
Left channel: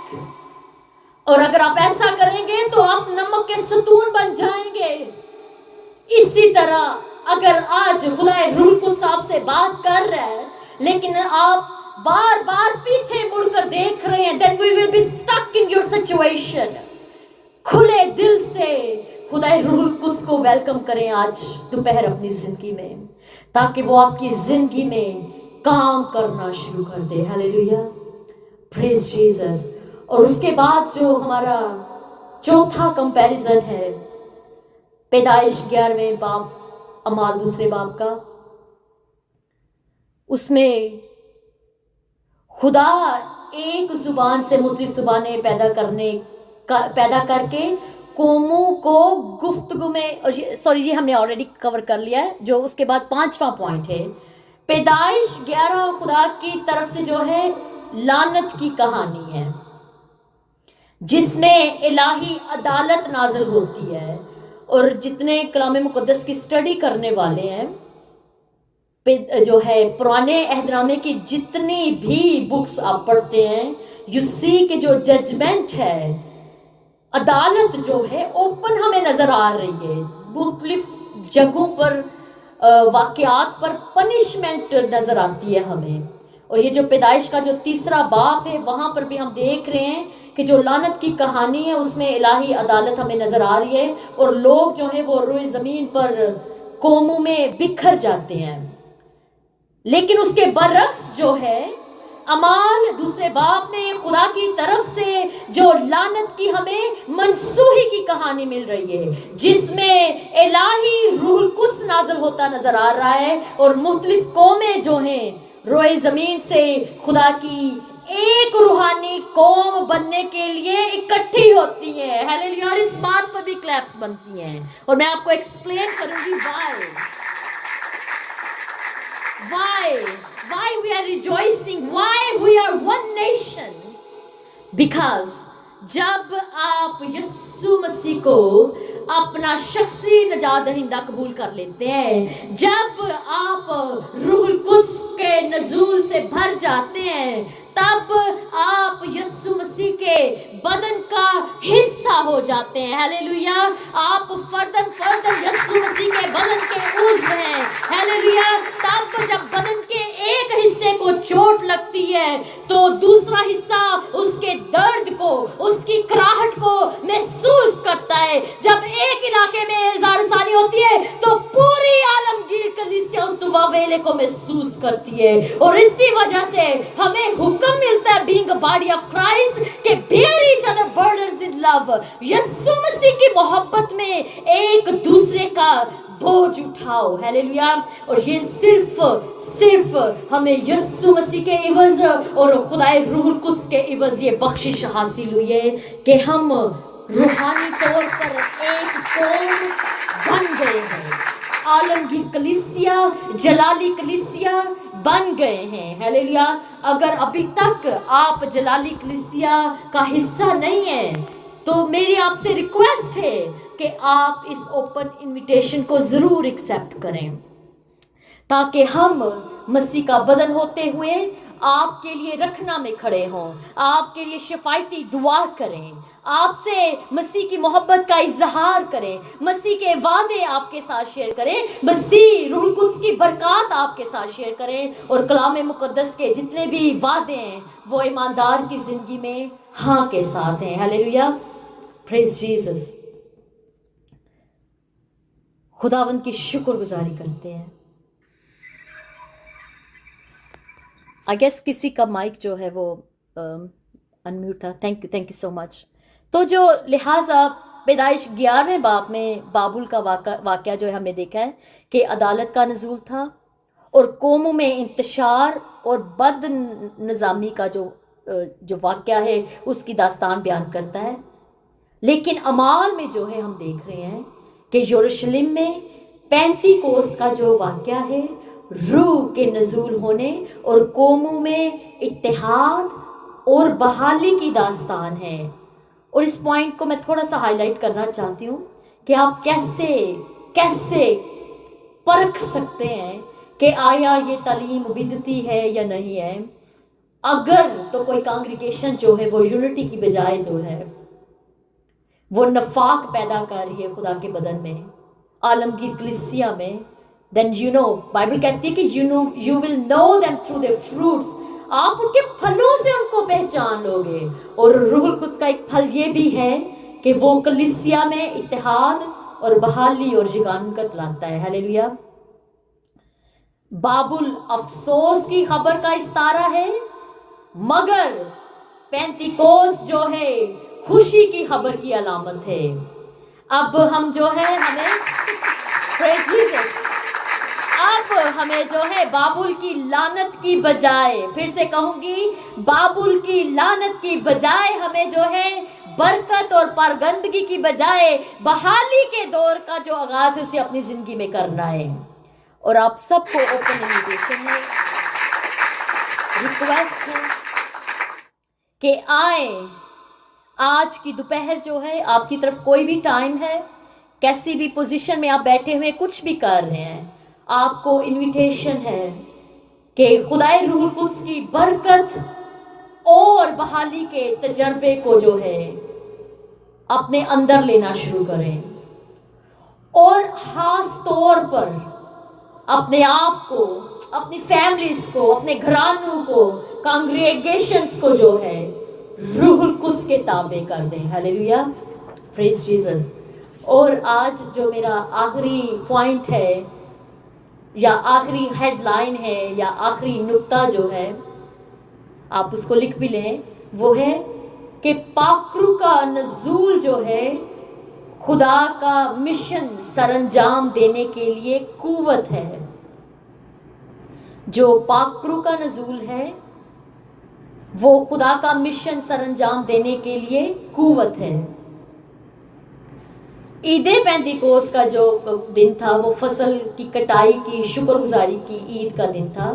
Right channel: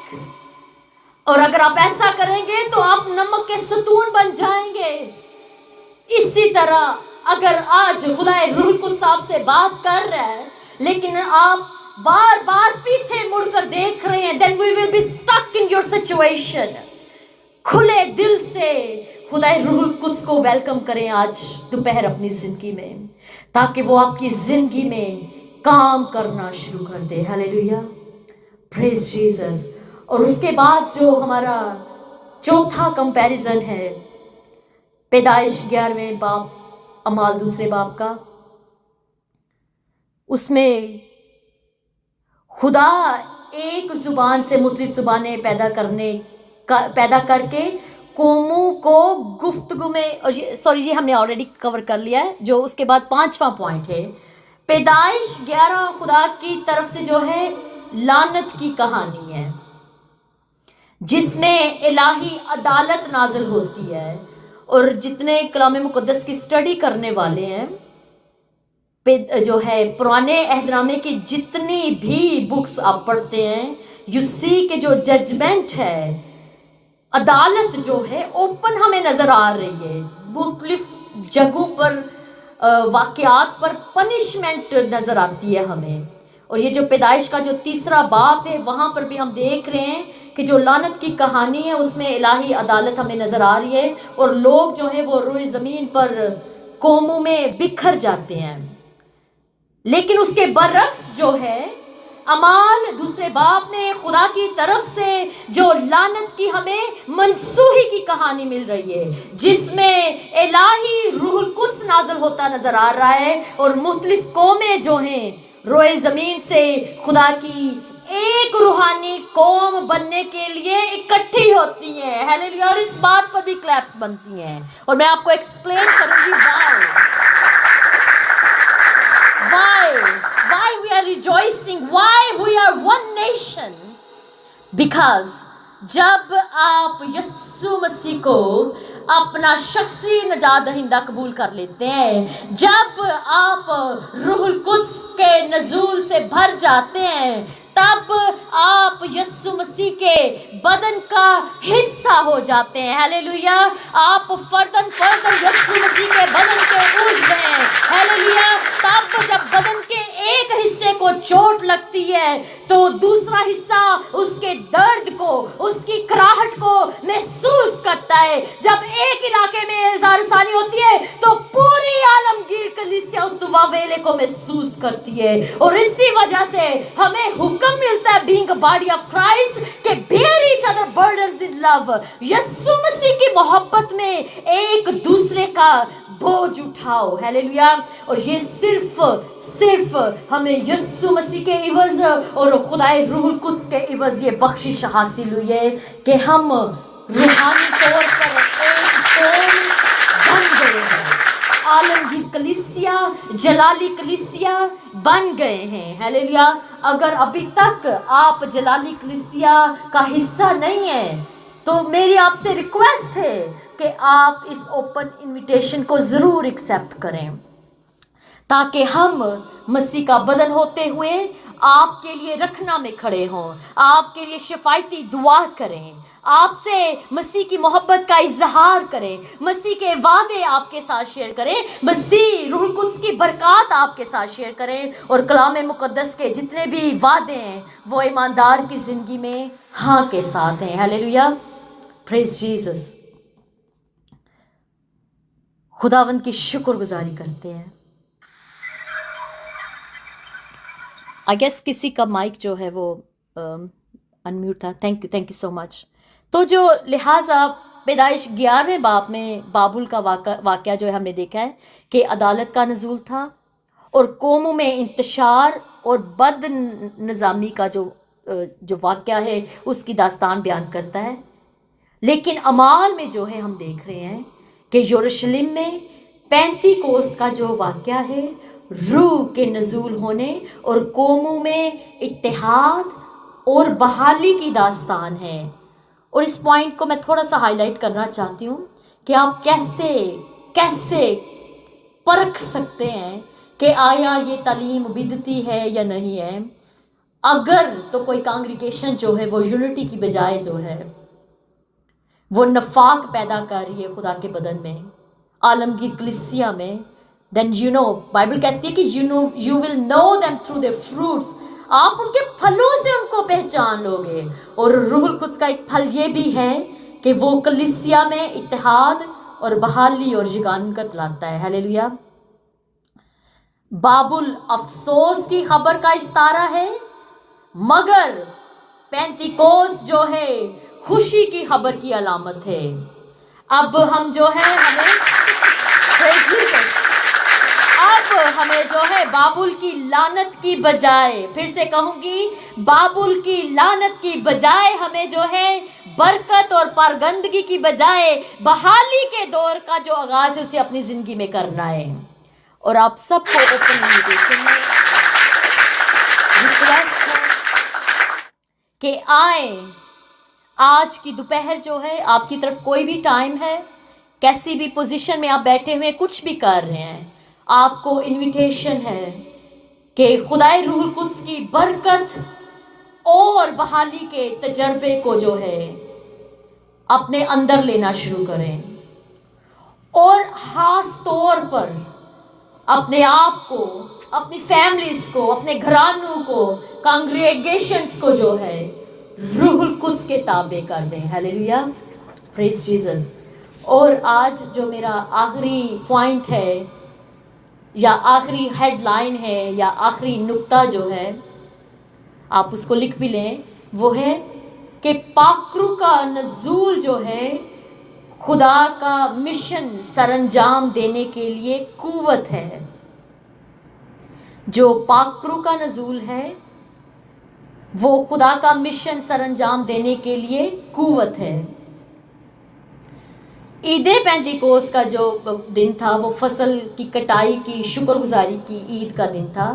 और अगर आप ऐसा करेंगे तो आप नमक के सतून बन जाएंगे। इसी तरह अगर आज खुदाए रूहुल कुद्स आपसे बात कर रहा है, लेकिन आप बार बार पीछे मुड़कर देख रहे हैं, then we will be stuck in your situation। खुले दिल से खुदाए रूहुल कुद्स को वेलकम करें आज दोपहर अपनी जिंदगी में, ताकि वो आपकी जिंदगी में काम करना शुरू कर दे। हालेलुया! Praise Jesus. और उसके बाद जो हमारा चौथा कंपैरिजन है पैदाइश 11वें बाब, अमाल दूसरे बाब का, उसमें खुदा एक जुबान से मुख्तलिफ जुबानें पैदा करके कौमों को गुफ्तगू में, सॉरी ये हमने ऑलरेडी कवर कर लिया है। जो उसके बाद 5वां पॉइंट है पैदाइश 11 खुदा की तरफ से जो है लानत की कहानी है, जिसमें इलाही अदालत नाजिल होती है। और जितने कलाम मुकद्दस की स्टडी करने वाले हैं, जो है पुराने अहदनामे की जितनी भी बुक्स आप पढ़ते हैं, यू सी कि जो जजमेंट है, अदालत जो है ओपन हमें नज़र आ रही है। मुख्तलिफ जगहों पर वाक़यात पर पनिशमेंट नज़र आती है हमें। और ये जो पैदाइश का जो 3रा बाब है, वहाँ पर भी हम देख रहे हैं कि जो लानत की कहानी है उसमें इलाही अदालत हमें नज़र आ रही है, और लोग जो हैं वो रोए ज़मीन पर कौमों में बिखर जाते हैं। लेकिन उसके बरक्स जो है अमाल 2 बाब में खुदा की तरफ से जो लानत की हमें मनसूही की कहानी मिल रही है, जिसमें इलाही रूहुल कुद्स नाज़िल होता नज़र आ रहा है, और मुख्तलिफ कौमें जो हैं रोए ज़मीन से खुदा की एक रूहानी कौम बनने के लिए इकट्ठी होती हैं। हालेलुया। और इस बात पर भी क्लैप्स बनती हैं, और मैं आपको एक्सप्लेन करूंगी why we are rejoicing, why we are one nation, because जब आप यस्सु मसीह को अपना शख्सी नजात दहिंदा कबूल कर लेते हैं, जब आप रूहुल कुद्स के नज़ूल से भर जाते हैं, तब आप यस्सु मसीह के बदन का हिस्सा हो जाते हैं। हालेलुया। आप फर्दन यस्सु मसीह के बदन के उज़्व हैं। हालेलुया। तब जब बदन के एक हिस्से को चोट लगती है तो दूसरा हिस्सा उसके दर्द को, उसकी कराहट को महसूस करता है। जब एक इलाके में ज़ारसानी होती है तो पूरी आलमगीर कलीसिया उस वावेले को महसूस करती है। और इसी वजह से हमें हुक्म मिलता है being a body of Christ कि bear each other burdens in love, Yeshu Masih की मोहब्बत में एक दूसरे का बोझ उठाओ। हालेलुया। और ये सिर्फ हमें यीशु मसीह के इवज़ और खुदाए रूहुल कुद्स के इवज़ ये बख्शिश हासिल हुई है कि हम रूहानी तौर पर एक कौम बन गए हैं। आलमगीर कलीसिया, जलाली कलीसिया बन गए हैं। हालेलुया। अगर अभी तक आप जलाली कलीसिया का हिस्सा नहीं हैं तो मेरी आपसे रिक्वेस्ट है कि आप इस ओपन इनविटेशन को ज़रूर एक्सेप्ट करें, ताकि हम मसीह का बदन होते हुए आपके लिए रखना में खड़े हों, आपके लिए शफायती दुआ करें, आपसे मसीह की मोहब्बत का इजहार करें, मसीह के वादे आपके साथ शेयर करें, मसीह रूहुल कुद्स की बरकत आपके साथ शेयर करें, और कलाम मुकद्दस के जितने भी वादे हैं वो ईमानदार की ज़िंदगी में हाँ के साथ हैं। हालेलुया। Praise Jesus. खुदावंद की शुक्रगुजारी करते हैं। आई गेस किसी का माइक जो है वो अनम्यूट था। Thank you so much. तो जो लिहाजा पैदाइश 11वें बाब में बाबुल का वाक़या जो है हमने देखा है कि अदालत का नज़ूल था और कौमों में इंतशार और बद निज़ामी का जो वाक़या है उसकी दास्तान बयान करता है। लेकिन अमाल में जो है हम देख रहे हैं कि यरूशलेम में पेंतीकोस्त का जो वाक़या है, रूह के नज़ूल होने और कौमों में इत्तेहाद और बहाली की दास्तान है। और इस पॉइंट को मैं थोड़ा सा हाईलाइट करना चाहती हूँ कि आप कैसे परख सकते हैं कि आया ये तालीम बिदती है या नहीं है। अगर तो कोई कांग्रीगेशन जो है वो यूनिटी की बजाय जो है वो नफाक पैदा कर रही है खुदा के बदन में, आलमगीर कलीसिया में, देन बाइबल कहती है कि you will know them through their fruits, आप उनके फलों से उनको पहचान लोगे। और रूहुल कुद्स का एक फल ये भी है कि वो कलीसिया में इत्तेहाद और बहाली और यगानत लाता है। हालेलुया। बाबुल अफसोस की खबर का इस्तारा है, मगर पेंतीकोस्त जो है खुशी की खबर की अलामत है। अब हम जो है हमें जो है बाबुल की लानत की बजाय, फिर से कहूंगी, बाबुल की लानत की बजाय हमें जो है बरकत और पारगंदगी की बजाय बहाली के दौर का जो आगाज है उसे अपनी जिंदगी में करना है। और आप सबको ओपन इनविटेशन में रिक्वेस्ट है कि आए। आज की दोपहर जो है आपकी तरफ कोई भी टाइम है, कैसी भी पोजीशन में आप बैठे हुए कुछ भी कर रहे हैं, आपको इनविटेशन है कि खुदाए रूहुल कुद्स की बरकत اور بحالی کے تجربے کو جو ہے اپنے اندر لینا شروع کریں، اور خاص طور پر اپنے آپ کو، اپنی فیملیز کو، اپنے گھرانوں کو، کانگریگیشنز کو جو ہے روح القدس کے تابع کر دیں. ہیلیلویا، پریز جیسس. اور آج جو میرا آخری پوائنٹ ہے یا آخری ہیڈ لائن ہے یا آخری نقطہ جو ہے، آپ اس کو لکھ بھی لیں، وہ ہے کہ پاک روح کا نزول جو ہے خدا کا مشن سر انجام دینے کے لیے قوت ہے. جو پاک روح کا نزول ہے وہ خدا کا مشن سر انجام دینے کے لیے قوت ہے. عید پینتیکوست کا جو دن تھا وہ فصل کی کٹائی کی شکر گزاری کی عید کا دن تھا،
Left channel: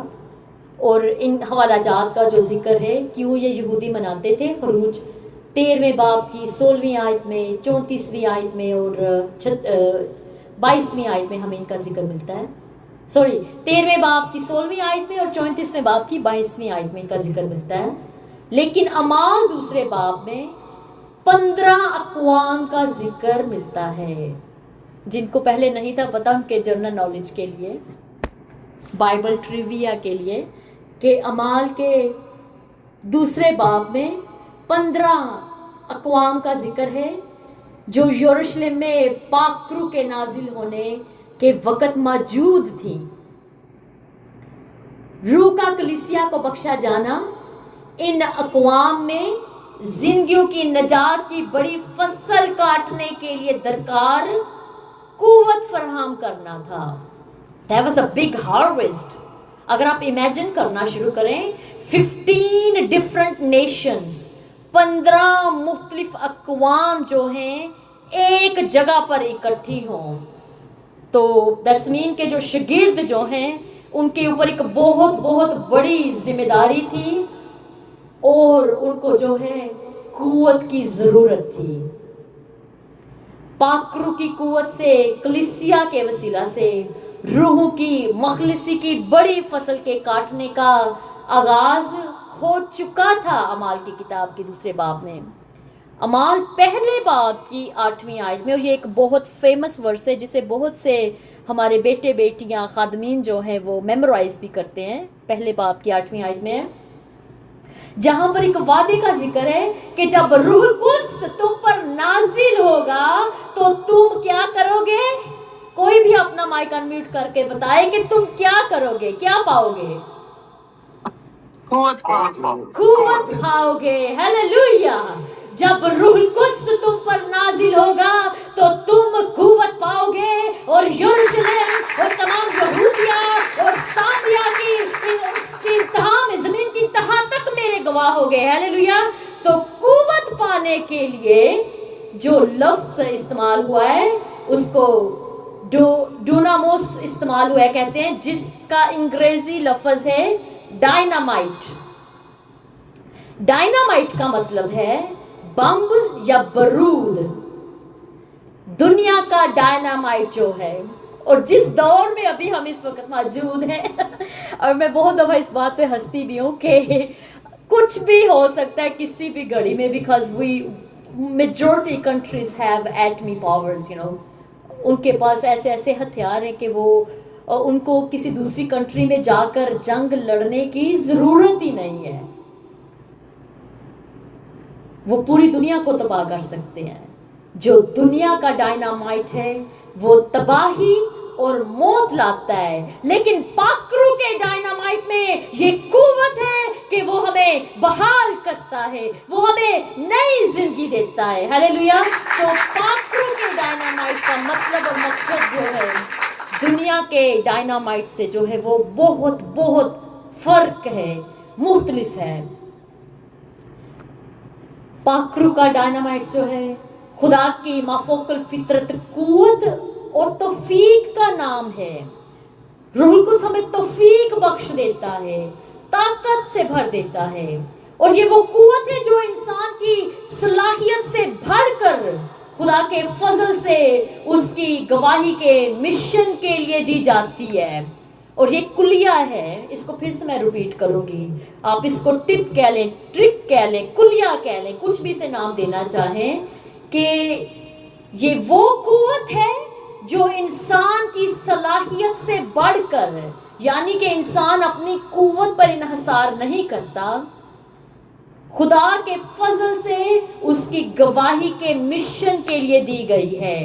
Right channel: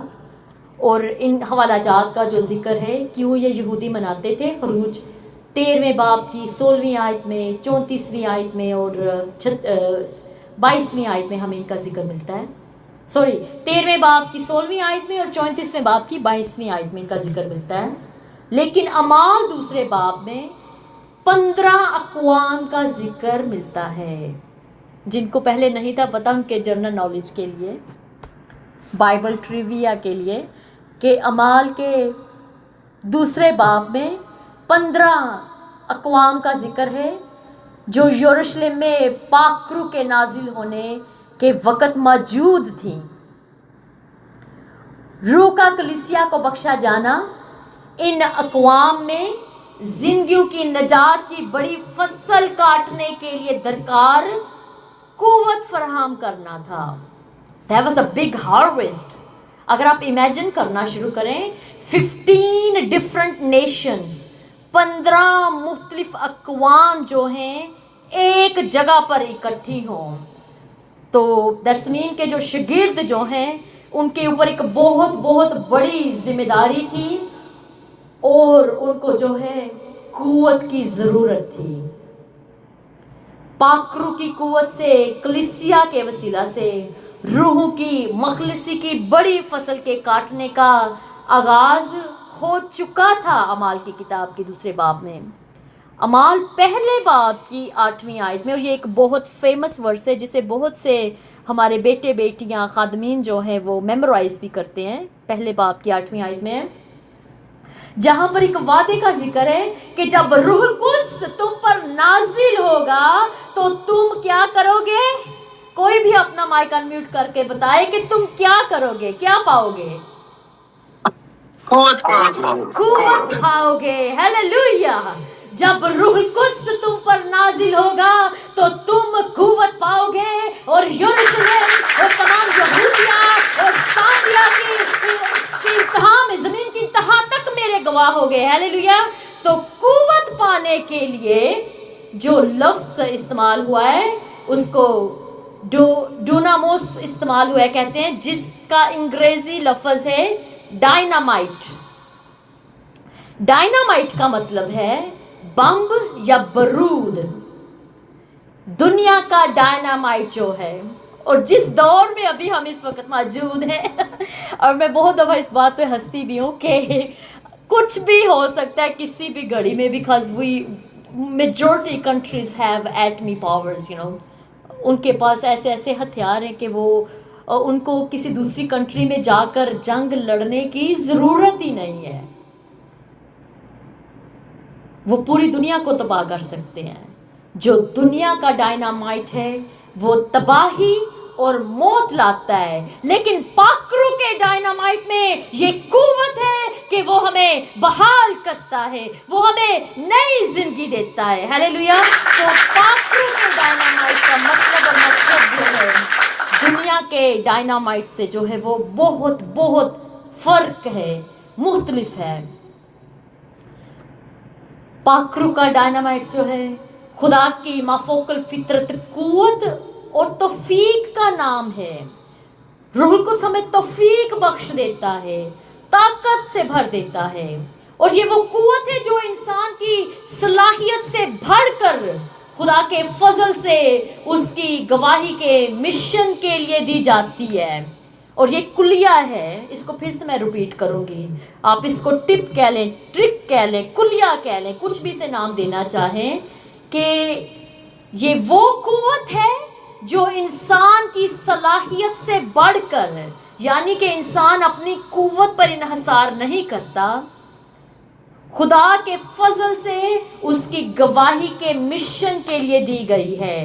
اور ان حوالہ جات کا جو ذکر ہے کیوں یہ یہودی مناتے تھے، خروج 13ویں باب کی 16ویں آیت میں، 34ویں آیت میں اور 22ویں آیت میں ہمیں ان کا ذکر ملتا ہے. 13ویں باب کی 16ویں آیت میں اور 34ویں باب کی 22ویں آیت میں ان کا ذکر ملتا ہے. لیکن اعمال دوسرے باب میں 15 اقوام کا ذکر ملتا ہے. جن کو پہلے نہیں تھا پتہ، ان کے جنرل نالج کے لیے، بائبل ٹریویا کے لیے، کہ اعمال کے دوسرے باب میں 15 اقوام کا ذکر ہے جو یروشلم میں پاک روح کے نازل ہونے کے وقت موجود تھیں. روح کا کلیسیا کو بخشا جانا ان اقوام میں زندگیوں کی نجات کی بڑی فصل کاٹنے کے لیے درکار قوت فراہم کرنا تھا. That was a big harvest. اگر آپ امیجن کرنا شروع کریں 15 ڈفرنٹ نیشنز، 15 مختلف اقوام جو ہیں ایک جگہ پر اکٹھی ہوں، تو دسمین کے جو شاگرد جو ہیں ان کے اوپر ایک بہت بہت بڑی ذمہ داری تھی، اور ان کو جو ہے قوت کی ضرورت تھی. پاک روح کی قوت سے، کلیسیا کے وسیلہ سے روحوں کی مخلصی کی بڑی فصل کے کاٹنے کا آغاز ہو چکا تھا. اعمال کی کتاب کے دوسرے باب میں، اعمال پہلے باب کی 8ویں آیت میں، اور یہ ایک بہت فیمس ورس ہے جسے بہت سے ہمارے بیٹے بیٹیاں خادمین جو ہیں وہ میمورائز بھی کرتے ہیں. پہلے باب کی 8ویں آیت میں جہاں پر ایک وعدے کا ذکر ہے کہ جب روح القدس تم پر نازل ہوگا تو تم کیا کرو گے؟ کوئی بھی اپنا مائک انمیوٹ کر کے بتائے کہ تم کیا کرو گے، کیا پاؤ گے؟ قوت پاؤ گے. ہیلیلویا. جب روح القدس تم پر نازل ہوگا تو تم قوت پاؤ گے، اور یروشلم اور تمام یہودیہ اور سامریا کی انتہا میں، زمین کی انتہا تک میرے گواہ ہو گئے. ہیلیلویا. تو قوت پانے کے لیے جو لفظ استعمال ہوا ہے اس کو ڈوناموس استعمال ہوا ہے، کہتے ہیں، جس کا انگریزی لفظ ہے ڈائنامائٹ. ڈائنامائٹ کا مطلب ہے بمب یا بارود. دنیا کا ڈائنامائٹ جو ہے، اور جس دور میں ابھی ہم اس وقت موجود ہیں اور میں بہت دفعہ اس بات پہ ہنستی بھی ہوں کہ کچھ بھی ہو سکتا ہے کسی بھی گھڑی میں، because we majority countries have ایٹمی پاورز، ان کے پاس ایسے ایسے ہتھیار ہیں کہ وہ ان کو کسی دوسری کنٹری میں جا کر جنگ لڑنے کی ضرورت ہی نہیں ہے. وہ پوری دنیا کو تباہ کر سکتے ہیں. جو دنیا کا ڈائنامائٹ ہے وہ تباہی اور موت لاتا ہے، لیکن پاک روح کے ڈائنامائٹ میں یہ قوت ہے کہ وہ ہمیں بحال کرتا ہے، وہ ہمیں نئی زندگی دیتا ہے. ہیلیلویا. تو پاک روح کے ڈائنامائٹ کا مطلب اور مقصد جو ہے دنیا کے ڈائنامائٹ سے جو ہے وہ بہت بہت فرق ہے، مختلف ہے. پاک روح کا ڈائنامائٹ جو ہے خدا کی مافوق الفطرت قوت اور توفیق کا نام ہے. روح القدس ہمیں توفیق بخش دیتا ہے، طاقت سے بھر دیتا ہے، اور یہ وہ قوت ہے جو انسان کی صلاحیت سے بڑھ کر خدا کے فضل سے اس کی گواہی کے مشن کے لیے دی جاتی ہے. اور یہ کلیہ ہے، اس کو پھر سے میں ریپیٹ کروں گی، آپ اس کو ٹپ کہہ لیں، ٹرک کہہ لیں، کلیہ کہہ لیں، کچھ بھی سے نام دینا چاہیں، کہ یہ وہ قوت ہے جو انسان کی صلاحیت سے بڑھ کر، یعنی کہ انسان اپنی قوت پر انحصار نہیں کرتا، خدا کے فضل سے اس کی گواہی کے مشن کے لیے دی گئی ہے۔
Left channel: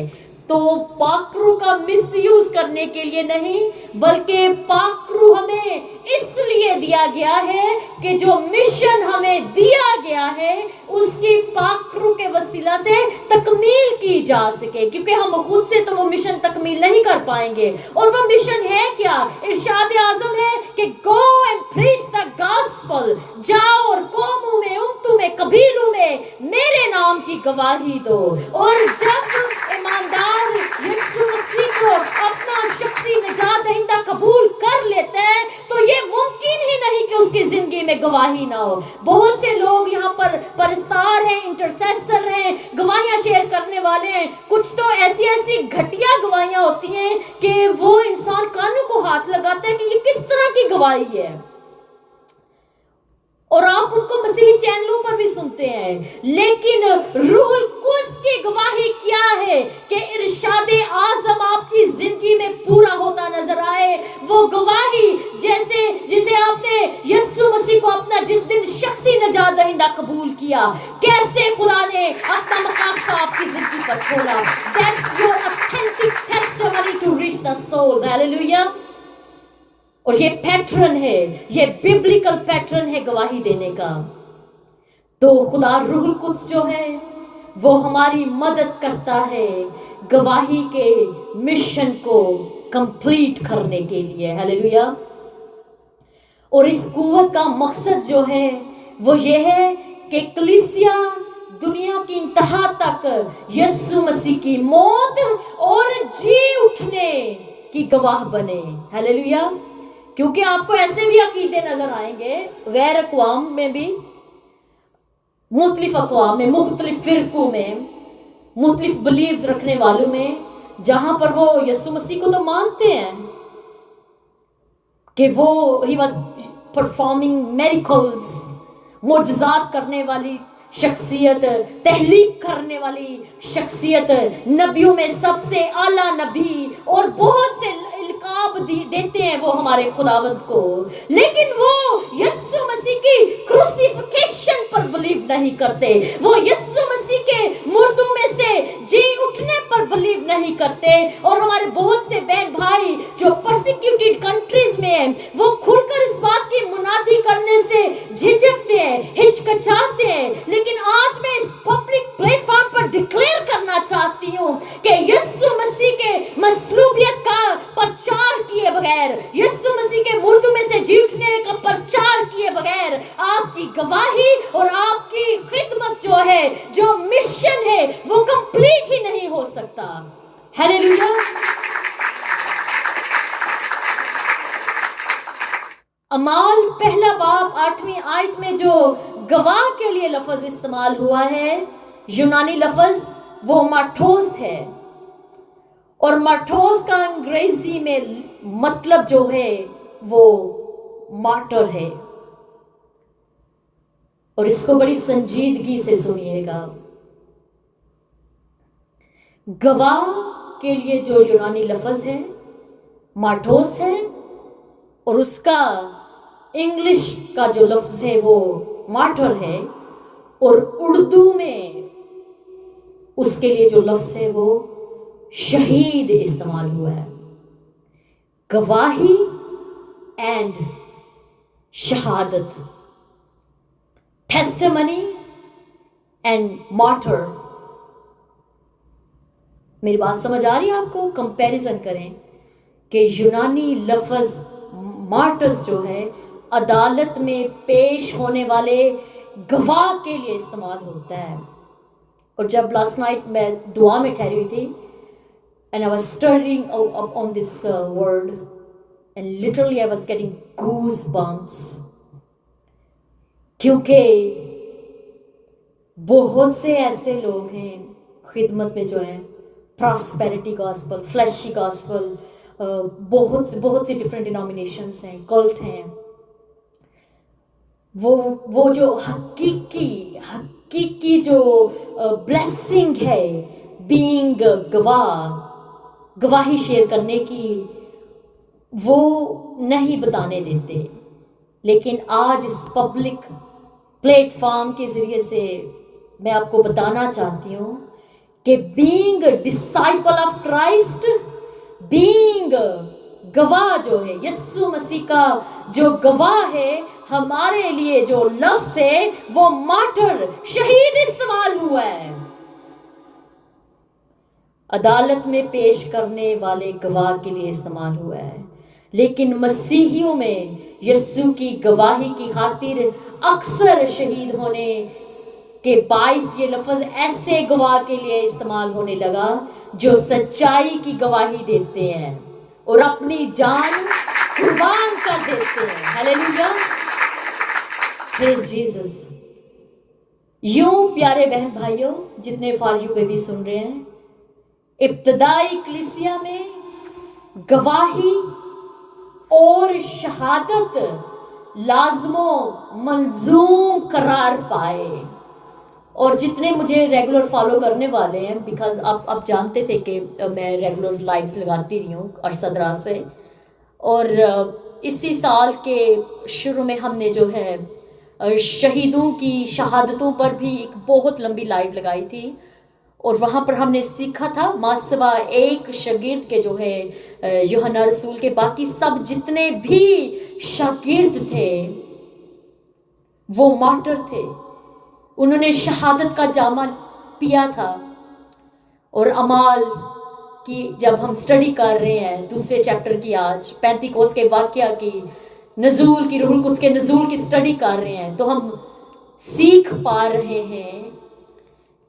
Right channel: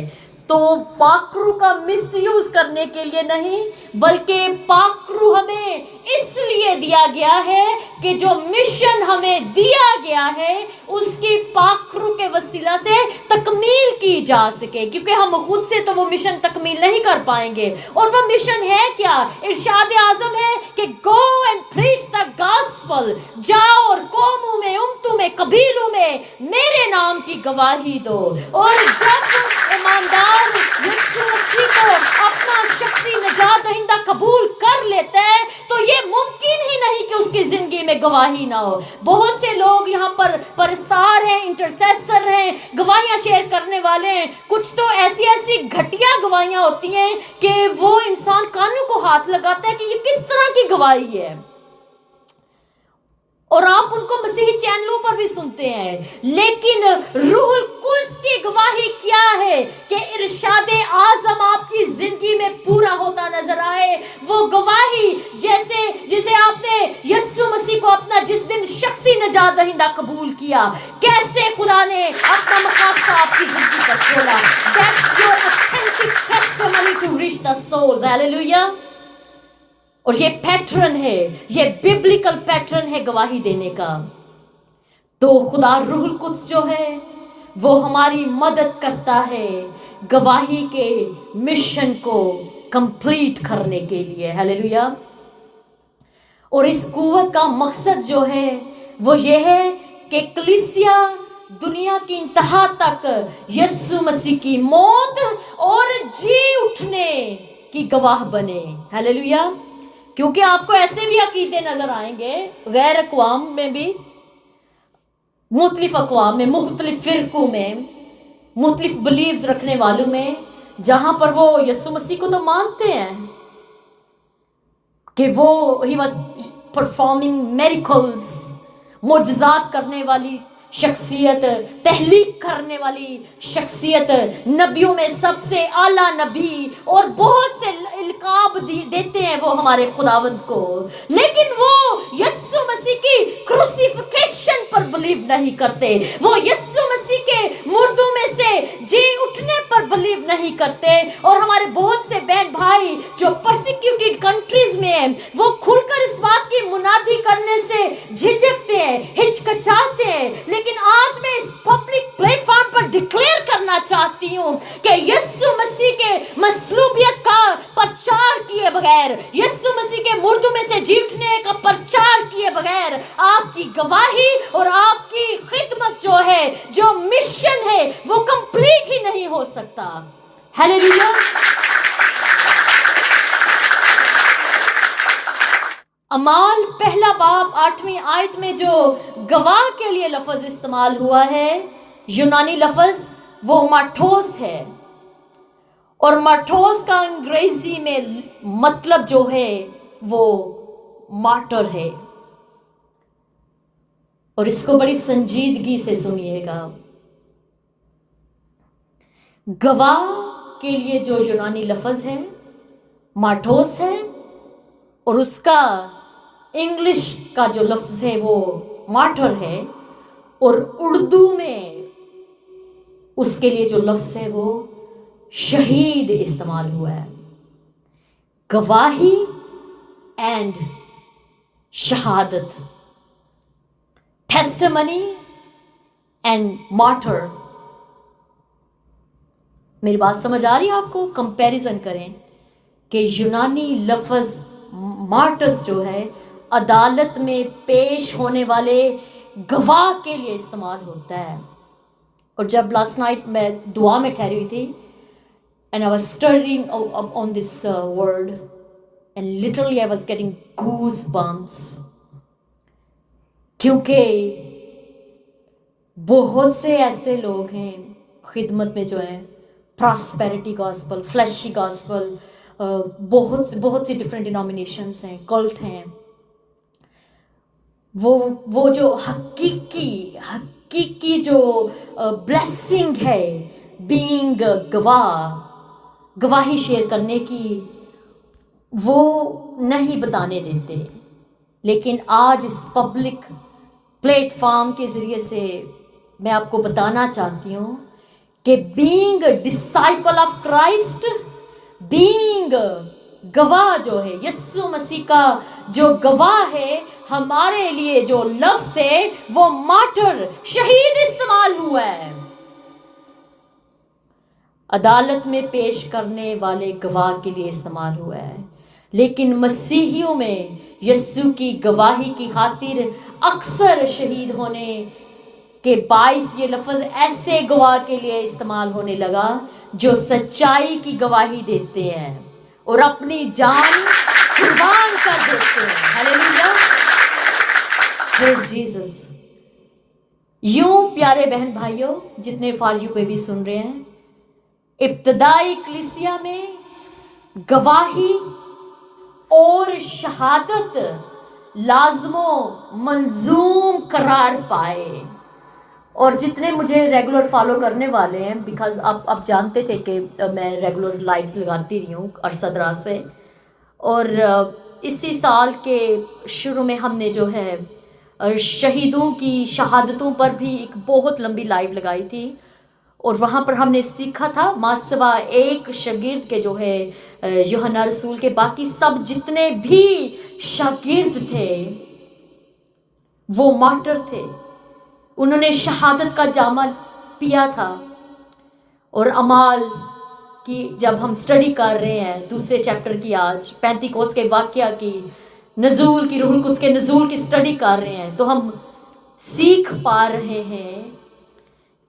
تو پاکرو کا مس یوز کرنے کے لیے نہیں، بلکہ پاکرو ہمیں اس لیے دیا گیا ہے کہ جو مشن ہمیں دیا گیا ہے اس کی پاکرو کے وسیلہ سے تکمیل کی جا سکے، کیونکہ ہم خود سے تو وہ مشن تکمیل نہیں کر پائیں گے۔ اور وہ مشن ہے کیا؟ ارشاد اعظم ہے کہ go and preach the gospel, جاؤ اور قوموں میں، امتوں میں، قبیلوں میں میرے نام کی گواہی دو۔ اور جب ایماندار یسوع مسیح کو اپنا شخصی نجات دہندہ قبول کر لیتا ہے تو یہ ممکن ہی نہیں کہ اس کی زندگی میں گواہی نہ ہو۔ بہت سے لوگ یہاں پر پرستار ہیں، انٹرسیسر ہیں، گواہیاں شیئر کرنے والے ہیں، کچھ تو ایسی ایسی گھٹیا گواہیاں ہوتی ہیں کہ وہ انسان کانوں کو ہاتھ لگاتا ہے کہ یہ کس طرح کی گواہی ہے، اور آپ ان کو مسیحی چینلوں پر بھی سنتے ہیں۔ لیکن روح القدس کی گواہی کیا ہے کہ ارشاد اعظم آپ کی زندگی میں پورا ہوتا نظر آئے، وہ گواہی جسے آپ نے یسوع مسیح کو اپنا جس دن شخصی نجات دہندہ قبول کیا، کیسے خدا نے اپنا مقاصد آپ کی زندگی پر کھولا۔ That's your authentic testimony to reach the souls. Hallelujah. اور یہ پیٹرن ہے، یہ ببلیکل پیٹرن ہے گواہی دینے کا۔ تو خدا روح القدس جو ہے وہ ہماری مدد کرتا ہے گواہی کے مشن کو کمپلیٹ کرنے کے لیے۔ ہیلیلویا۔ اور اس قوت کا مقصد جو ہے وہ یہ ہے کہ کلیسیا دنیا کی انتہا تک یسوع مسیح کی موت اور جی اٹھنے کی گواہ بنے۔ ہیلیلویا۔ کیونکہ آپ کو ایسے بھی عقیدے نظر آئیں گے غیر اقوام میں بھی، مختلف اقوام میں، مختلف فرقوں میں، مختلف بلیفز رکھنے والوں میں، جہاں پر وہ یسوع مسیح کو تو مانتے ہیں کہ وہ ہی واز پرفارمنگ میریکلز، معجزات کرنے والی شخصیت، تحلیق کرنے والی شخصیت، نبیوں میں سب سے اعلیٰ نبی، اور بہت سے القاب دیتے ہیں وہ ہمارے خداوند کو، لیکن وہ یسوع مسیح کی کروسیفیکیشن پر بلیو نہیں کرتے، وہ یسوع مسیح کے مردوں میں سے جی اٹھنے پر بلیو نہیں کرتے۔ اور ہمارے بہت سے بہن بھائی جو پرسیکیوٹیڈ کنٹریز میں ہیں وہ کھل کر اس بات کی منادی کرنے سے جھجکتے ہیں، ہچکچاتے ہیں، لیکن آج میں اس پبلک پلیٹ فارم پر ڈکلیئر کرنا چاہتی ہوں کہ یسوع مسیح کے مصلوبیت کا پرچار کیے بغیر، یسوع مسیح کے مردوں میں سے جی اٹھنے کا پرچار کیے بغیر آپ کی گواہی اور آپ کی خدمت جو ہے، جو مشن ہے، وہ کمپلیٹ ہی نہیں ہو سکتا۔ ہیلیلویا۔ اعمال پہلا باب 8ویں آیت میں جو گواہ کے لیے لفظ استعمال ہوا ہے، یونانی لفظ، وہ ماٹھوس ہے، اور ماٹھوس کا انگریزی میں مطلب جو ہے وہ مارٹر ہے۔ اور اس کو بڑی سنجیدگی سے سنیے گا۔ گواہ کے لیے جو یونانی لفظ ہے ماٹھوس ہے، اور اس کا انگلش کا جو لفظ ہے وہ مارٹر ہے، اور اردو میں اس کے لیے جو لفظ ہے وہ شہید استعمال ہوا ہے۔ گواہی اینڈ شہادت، ٹیسٹمنی اینڈ مارٹر۔ میری بات سمجھ آ رہی ہے آپ کو؟ کمپیریزن کریں کہ یونانی لفظ مارٹرز جو ہے عدالت میں پیش ہونے والے گواہ کے لیے استعمال ہوتا ہے۔ اور جب لاسٹ نائٹ میں دعا میں ٹھہری ہوئی تھی and I was studying on this word and literally I was getting goosebumps، کیونکہ بہت سے ایسے لوگ ہیں خدمت میں جو ہیں، پراسپیرٹی گاسپل، فلیشی گاسپل، बहुत सी डिफरेंट डिनोमिनेशंस हैं, कल्ट हैं, वो जो हकीकी जो ब्लेसिंग है बीइंग गवाही शेयर करने की, वो नहीं बताने देते। लेकिन आज इस पब्लिक प्लेटफॉर्म के ज़रिए से मैं आपको बताना चाहती हूँ कि being disciple of Christ, being गवाह जो है, यीशु मसीह का जो गवाह है, हमारे लिए जो लफ्ज़ है वो मार्टर, शहीद इस्तेमाल हुआ है। अदालत में पेश करने वाले गवाह के लिए इस्तेमाल हुआ है, लेकिन मसीहियों में यीशु की गवाही की खातिर अक्सर शहीद होने के बाइस ये लफ्ज़ ऐसे गवाह के लिए इस्तेमाल होने लगा जो सच्चाई की गवाही देते हैं और अपनी जान कुर्बान कर देते हैं। Hallelujah, praise Jesus. यूं प्यारे बहन भाइयों जितने फारियों पे भी सुन रहे हैं, इब्तदाई कलीसिया में गवाही और शहादत लाजमो मंजूम करार पाए। और जितने मुझे रेगुलर फॉलो करने वाले हैं, बिकॉज आप जानते थे कि मैं रेगुलर लाइव्स लगाती रही हूँ अरसा दराज से, और इसी साल के शुरू में हमने जो है शहीदों की शहादतों पर भी एक बहुत लंबी लाइव लगाई थी, और वहाँ पर हमने सीखा था मासवा एक शागिर्द के जो है यूहन्ना रसूल के बाकी सब जितने भी शागिर्द थे वो मार्टर थे, उन्होंने शहादत का जामा पिया था। और अमाल की जब हम स्टडी कर रहे हैं दूसरे चैप्टर की, आज पेंतिकोस्त के वाकया की, नजूल की, रूहुल कुद्स के नजूल की स्टडी कर रहे हैं, तो हम सीख पा रहे हैं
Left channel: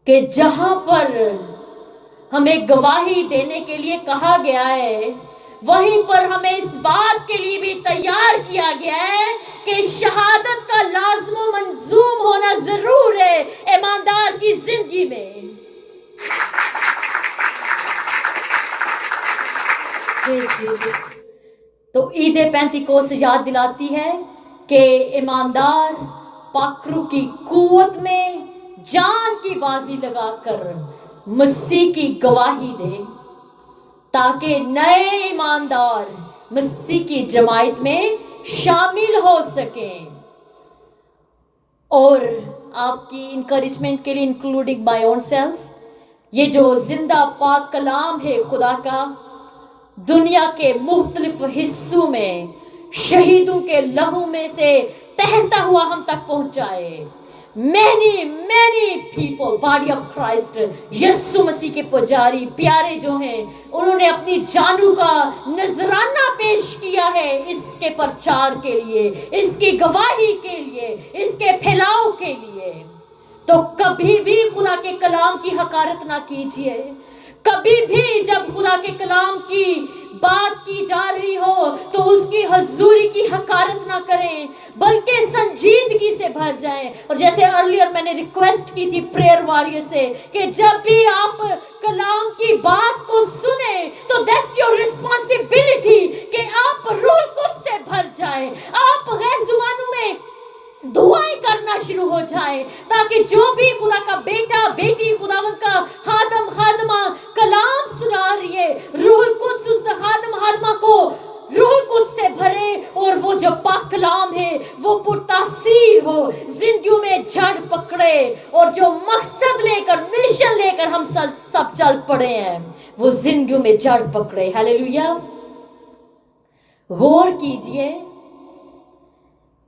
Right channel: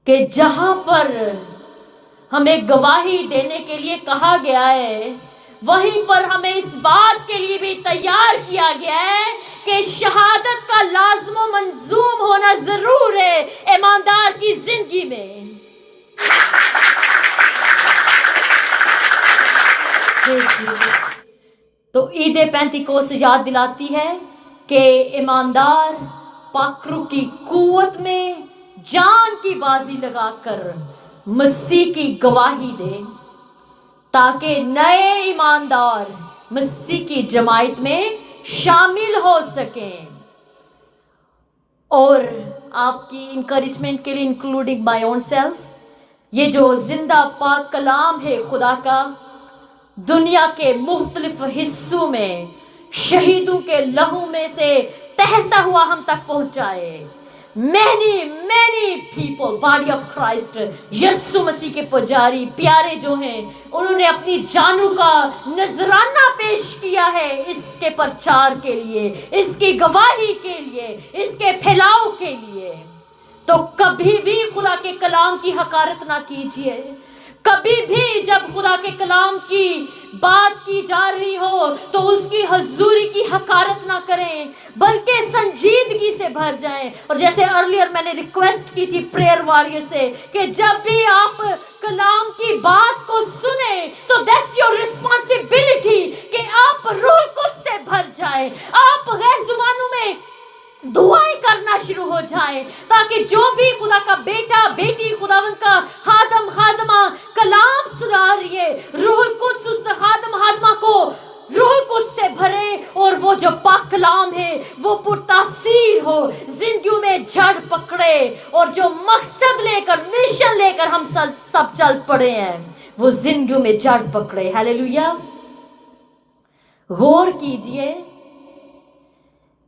कि जहां पर हमें गवाही देने के लिए कहा गया है, वहीं पर हमें इस बात के लिए भी तैयार किया गया है कि शहादत का लाज़िम मंजूम होना जरूर है ईमानदार की जिंदगी में। तो ईद पेंतिकोस्त याद दिलाती है कि ईमानदार पाकरू की कुव्वत में जान की बाजी लगाकर मसीह की गवाही दे, ताकि नए ईमानदार मसीह की जमायत में शामिल हो सकें। और आपकी इंकरेजमेंट के लिए, इंक्लूडिंग माय ओन सेल्फ, ये जो जिंदा पाक कलाम है खुदा का, दुनिया के मुख्तलिफ हिस्सों में शहीदों के लहू में से तहता हुआ हम तक पहुंचाए। many people, body of Christ, Yeshu Masih के पुजारी प्यारे जो हैं, उन्होंने अपनी जानों का नजराना पेश किया है इसके प्रचार के लिए, इसकी गवाही के लिए, इसके फैलाव के लिए। तो कभी भी खुदा के कलाम की हकारत ना कीजिए। कभी भी जब खुदा के कलाम की बात की जा रही हो तो उसकी हजूरी की हकारत ना करें, बल्कि संजीदगी से भर जाएं। और जैसे अर्लियर मैंने रिक्वेस्ट की थी प्रेयर वॉरियर से कि जब भी आप कलाम की बात को सुने तो दैट्स योर रिस्पॉन्सिबिलिटी कि आप रूह कुद्स से भर जाए, आप गैर जुबानों में दुआएं करना शुरू हो जाए, ताकि जो भी खुदा का बेटा बेटी, खुदावंद का खादम खादमा कलाम सुना रही है, रूह कुद्स उस खादम खादमा को रूह कुद्स से भरे, और वो जो पाक कलाम है वो पुरतासीर हो, जिंदगियों में जड़ पकड़े, और जो मकसद लेकर, मिशन लेकर हम सब चल पड़े हैं वो जिंदगियों में जड़ पकड़े। हालेलुया। गौर कीजिए,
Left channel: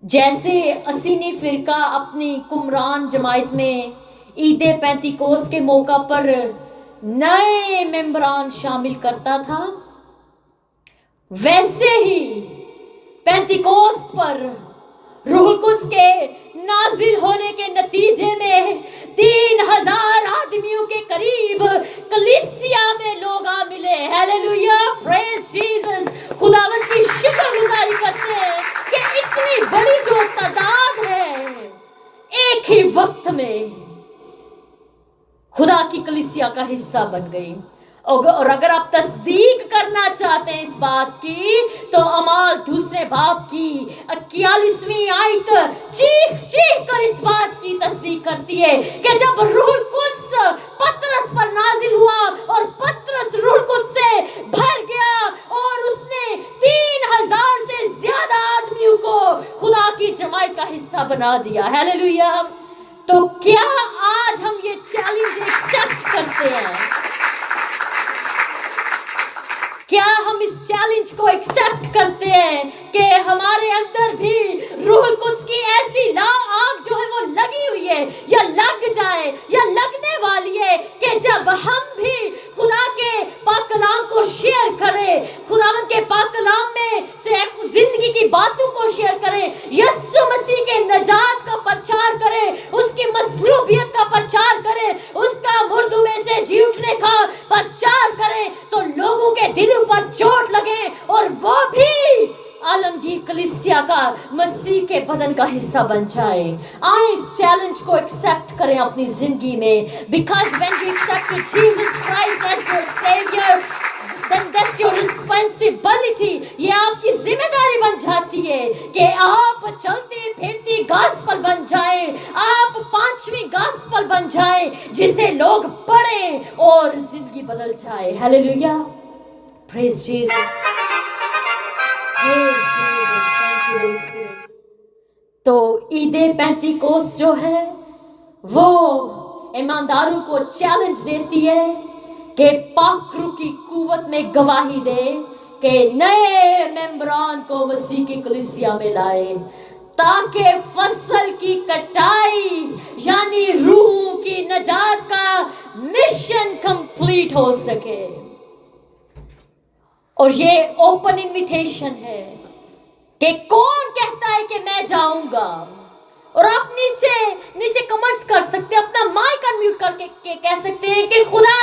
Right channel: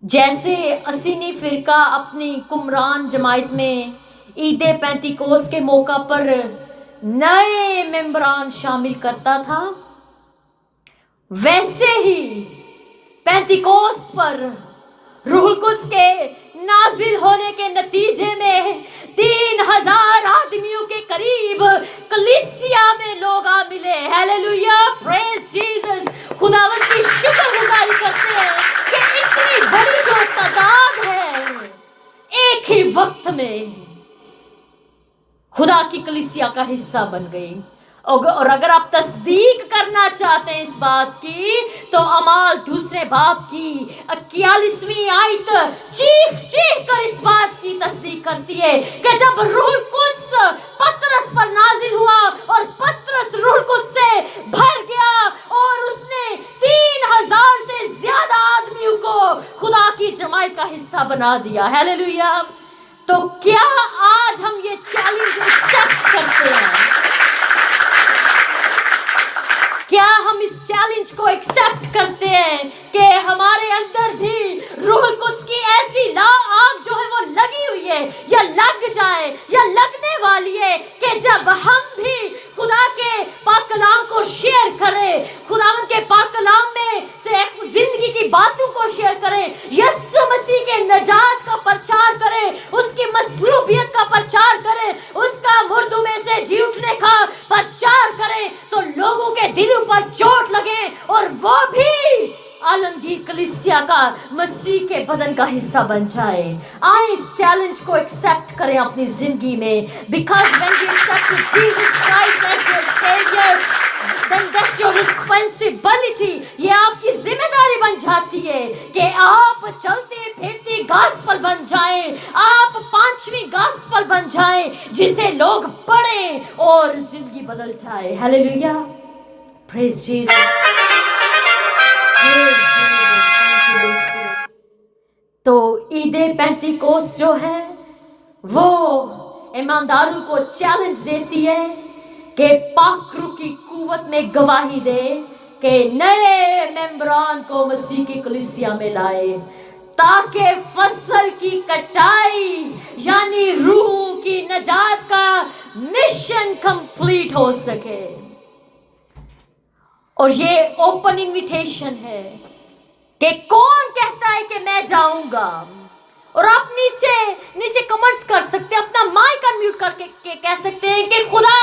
जैसे असीनी फिरका अपनी कुमरान जमायत में ईद पेंतिकोस्त के मौका पर नए मेंबरान शामिल करता था, वैसे ही पेंतिकोस्त पर रूह कुद्स के नाजिल होने के नतीजे में 3000 आदमियों के करीब कलीसिया में लोग आ मिले। Hallelujah, praise Jesus. खुदावंद की शुक्रगुजारी करते हैं कि इतनी बड़ी जो तादाद है एक ही वक्त में खुदा की कलीसिया का हिस्सा बन गई। और अगर आप तस्दीक करना चाहते हैं इस बात की, तो अमाल दूसरे बाब की 41वीं आयत चीख चीख कर इस बात की तस्दीक करती है कि जब रूह कुद्स पतरस पर नाजिल हुआ और पतरस रूह कुद्स से भर गया और उसने 3000 से ज्यादा आदमियों को खुदा की जमात का हिस्सा बना दिया। हालेलुया। तो क्या आज हम ये चैलेंज एक्सेप्ट करते हैं? क्या हम इस चैलेंज को एक्सेप्ट करते हैं कि हमारे अंदर भी रूह कुद्स की ऐसी आग जो है वो लगी हुई है या लग जाए या लगने वाली है कि जब हम भी खुदा के पाक कलाम को शेयर करें, खुदावंद के पाक कलाम में से जिंदगी की बातों को शेयर करें, यीशु मसीह के नजात का प्रचार करें, उसकी मसलूबियत का प्रचार करें, उसका मुर्दों में से जी उठने का प्रचार करें, तो लोगों के दिलों पर चोट लगे और वो भी आलमगीर कलीसिया का मसीह के बदन का हिस्सा बन जाए। आए इस चैलेंज को एक्सेप्ट करें अपनी जिंदगी में, because when we accept Jesus Christ as your saviour, then that's your responsibility। ये आपकी जिम्मेदारी बन जाती है कि आप चलती फिरती गॉस्पेल बन जाएं, आप 5वीं गॉस्पेल बन जाएं जिसे लोग पढ़ें और जिंदगी बदल जाए। Hallelujah, praise Jesus, praise Jesus, thank you Holi spirit. तो ईदे पेंतिकोस्त जो है वो ईमानदारों को चैलेंज देती है कि पाक रूह की कुव्वत में गवाही दे कि नए मेंबरान को मसीह की कलीसिया में लाए, ताकि फसल की कटाई यानी रूह की नजात का मिशन कंप्लीट हो सके। और ये ओपन इनविटेशन है कि कौन कहता है कि मैं जाऊंगा, और आप नीचे कमेंट्स कर सकते हैं, अपना माइक अनम्यूट करके कह सकते हैं कि खुदा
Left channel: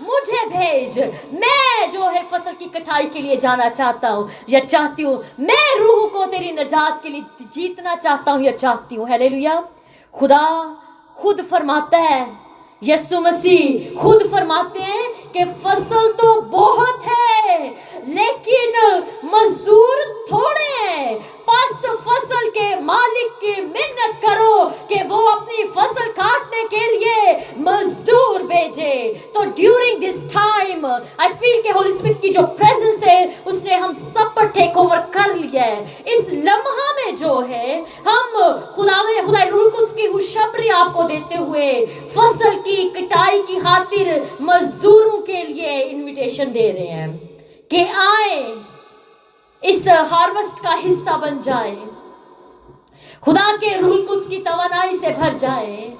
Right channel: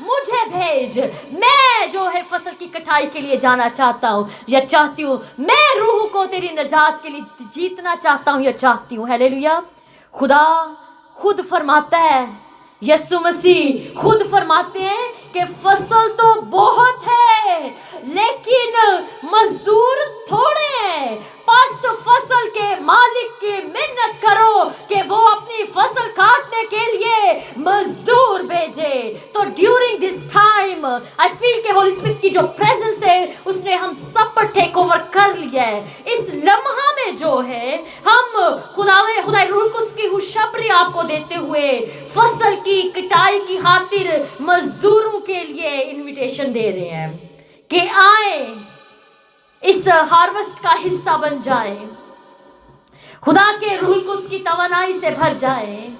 मुझे भेज, मैं जो है फसल की कटाई के लिए जाना चाहता हूँ या चाहती हूँ, मैं रूह को तेरी नजात के लिए जीतना चाहता हूँ या चाहती हूँ। हालेलुया। खुदा खुद फरमाता है, यीशु मसीह खुद फरमाते हैं कि फसल तो बहुत है लेकिन मजदूर थोड़े हैं, बस फसल के मालिक की मिन्नत करो कि वो अपनी फसल काटने के लिए मजदूर भेजे। तो during this time I feel कि होली स्पिरिट की जो प्रेजेंस है उसने हम सब पर टेक ओवर कर लिया है। इस लम्हा में जो है हम खुदा रूह कुद्स की खुशखबरी आपको देते हुए फसल की कटाई की खातिर मजदूरों के लिए इनविटेशन दे रहे हैं कि आए इस हार्वेस्ट का हिस्सा बन जाएं, खुदा के रूह कुद्स की तवानाई से भर जाएं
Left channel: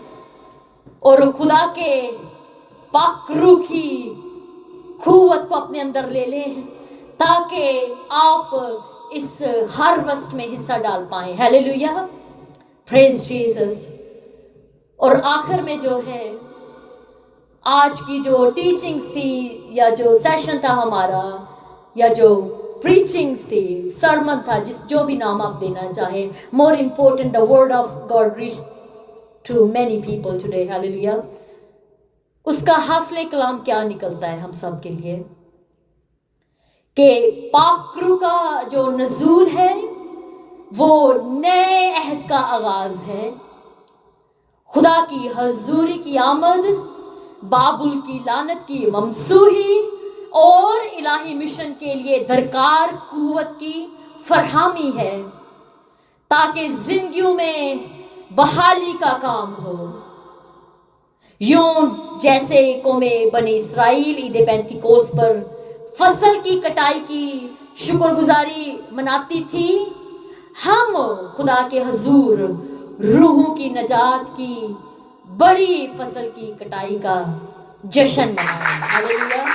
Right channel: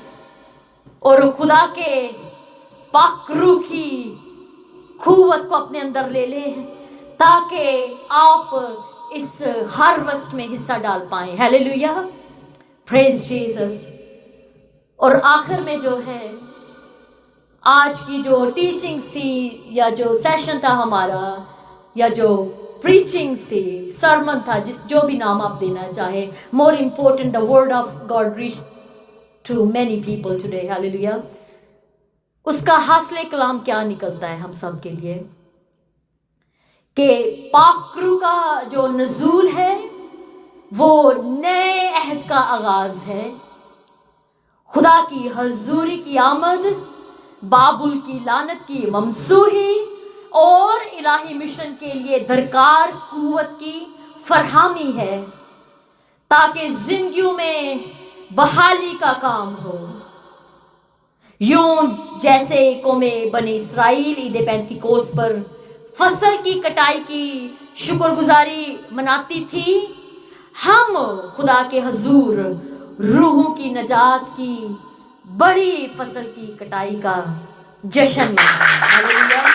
और खुदा के पाक रूह की कुव्वत को अपने अंदर ले लें ताकि आप इस हार्वेस्ट में हिस्सा डाल पाएं। Hallelujah, praise Jesus. और आखिर में जो है आज की जो टीचिंग्स थी या जो सेशन था हमारा या जो प्रीचिंग्स थी, सरमन था, जो भी नाम आप देना चाहे, more important the word of God reach to many people today. Hallelujah. उसका हासिल कलाम क्या निकलता है हम सब के लिए कि पाक रूह का जो नज़ूल है वो नए अहद का आगाज है। खुदा की हजूरी की आमद, बाबुल की लानत की ममसूही और इलाही मिशन के लिए दरकार कुव्वत की फरहामी है ताकि जिंदगियों में बहाली का काम हो। यूं जैसे कौमे बनी इसराइल ईद पेंतिकोस्त पर फसल की कटाई की शुक्रगुजारी मनाती थी, हम खुदा के हजूर रूहों की नजात की बड़ी फसल की कटाई का जश्न मनाएं।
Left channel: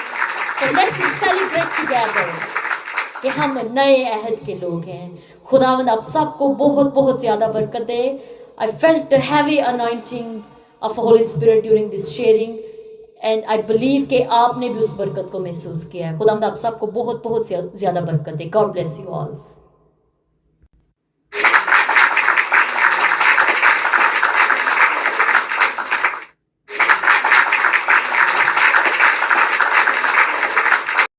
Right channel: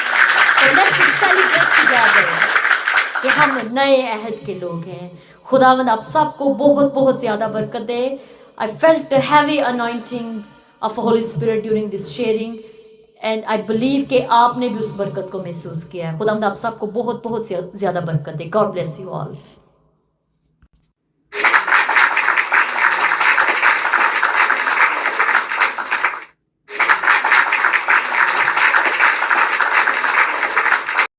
कि हम नए अहद के लोग हैं। खुदावंद आप सबको बहुत बहुत ज्यादा बरकत दे। I felt the heavy anointing of Holy Spirit during this sharing and I believe कि आपने भी उस बरकत को महसूस किया है। खुदावंद आप सबको बहुत बहुत ज्यादा बरकत दे। God bless you all.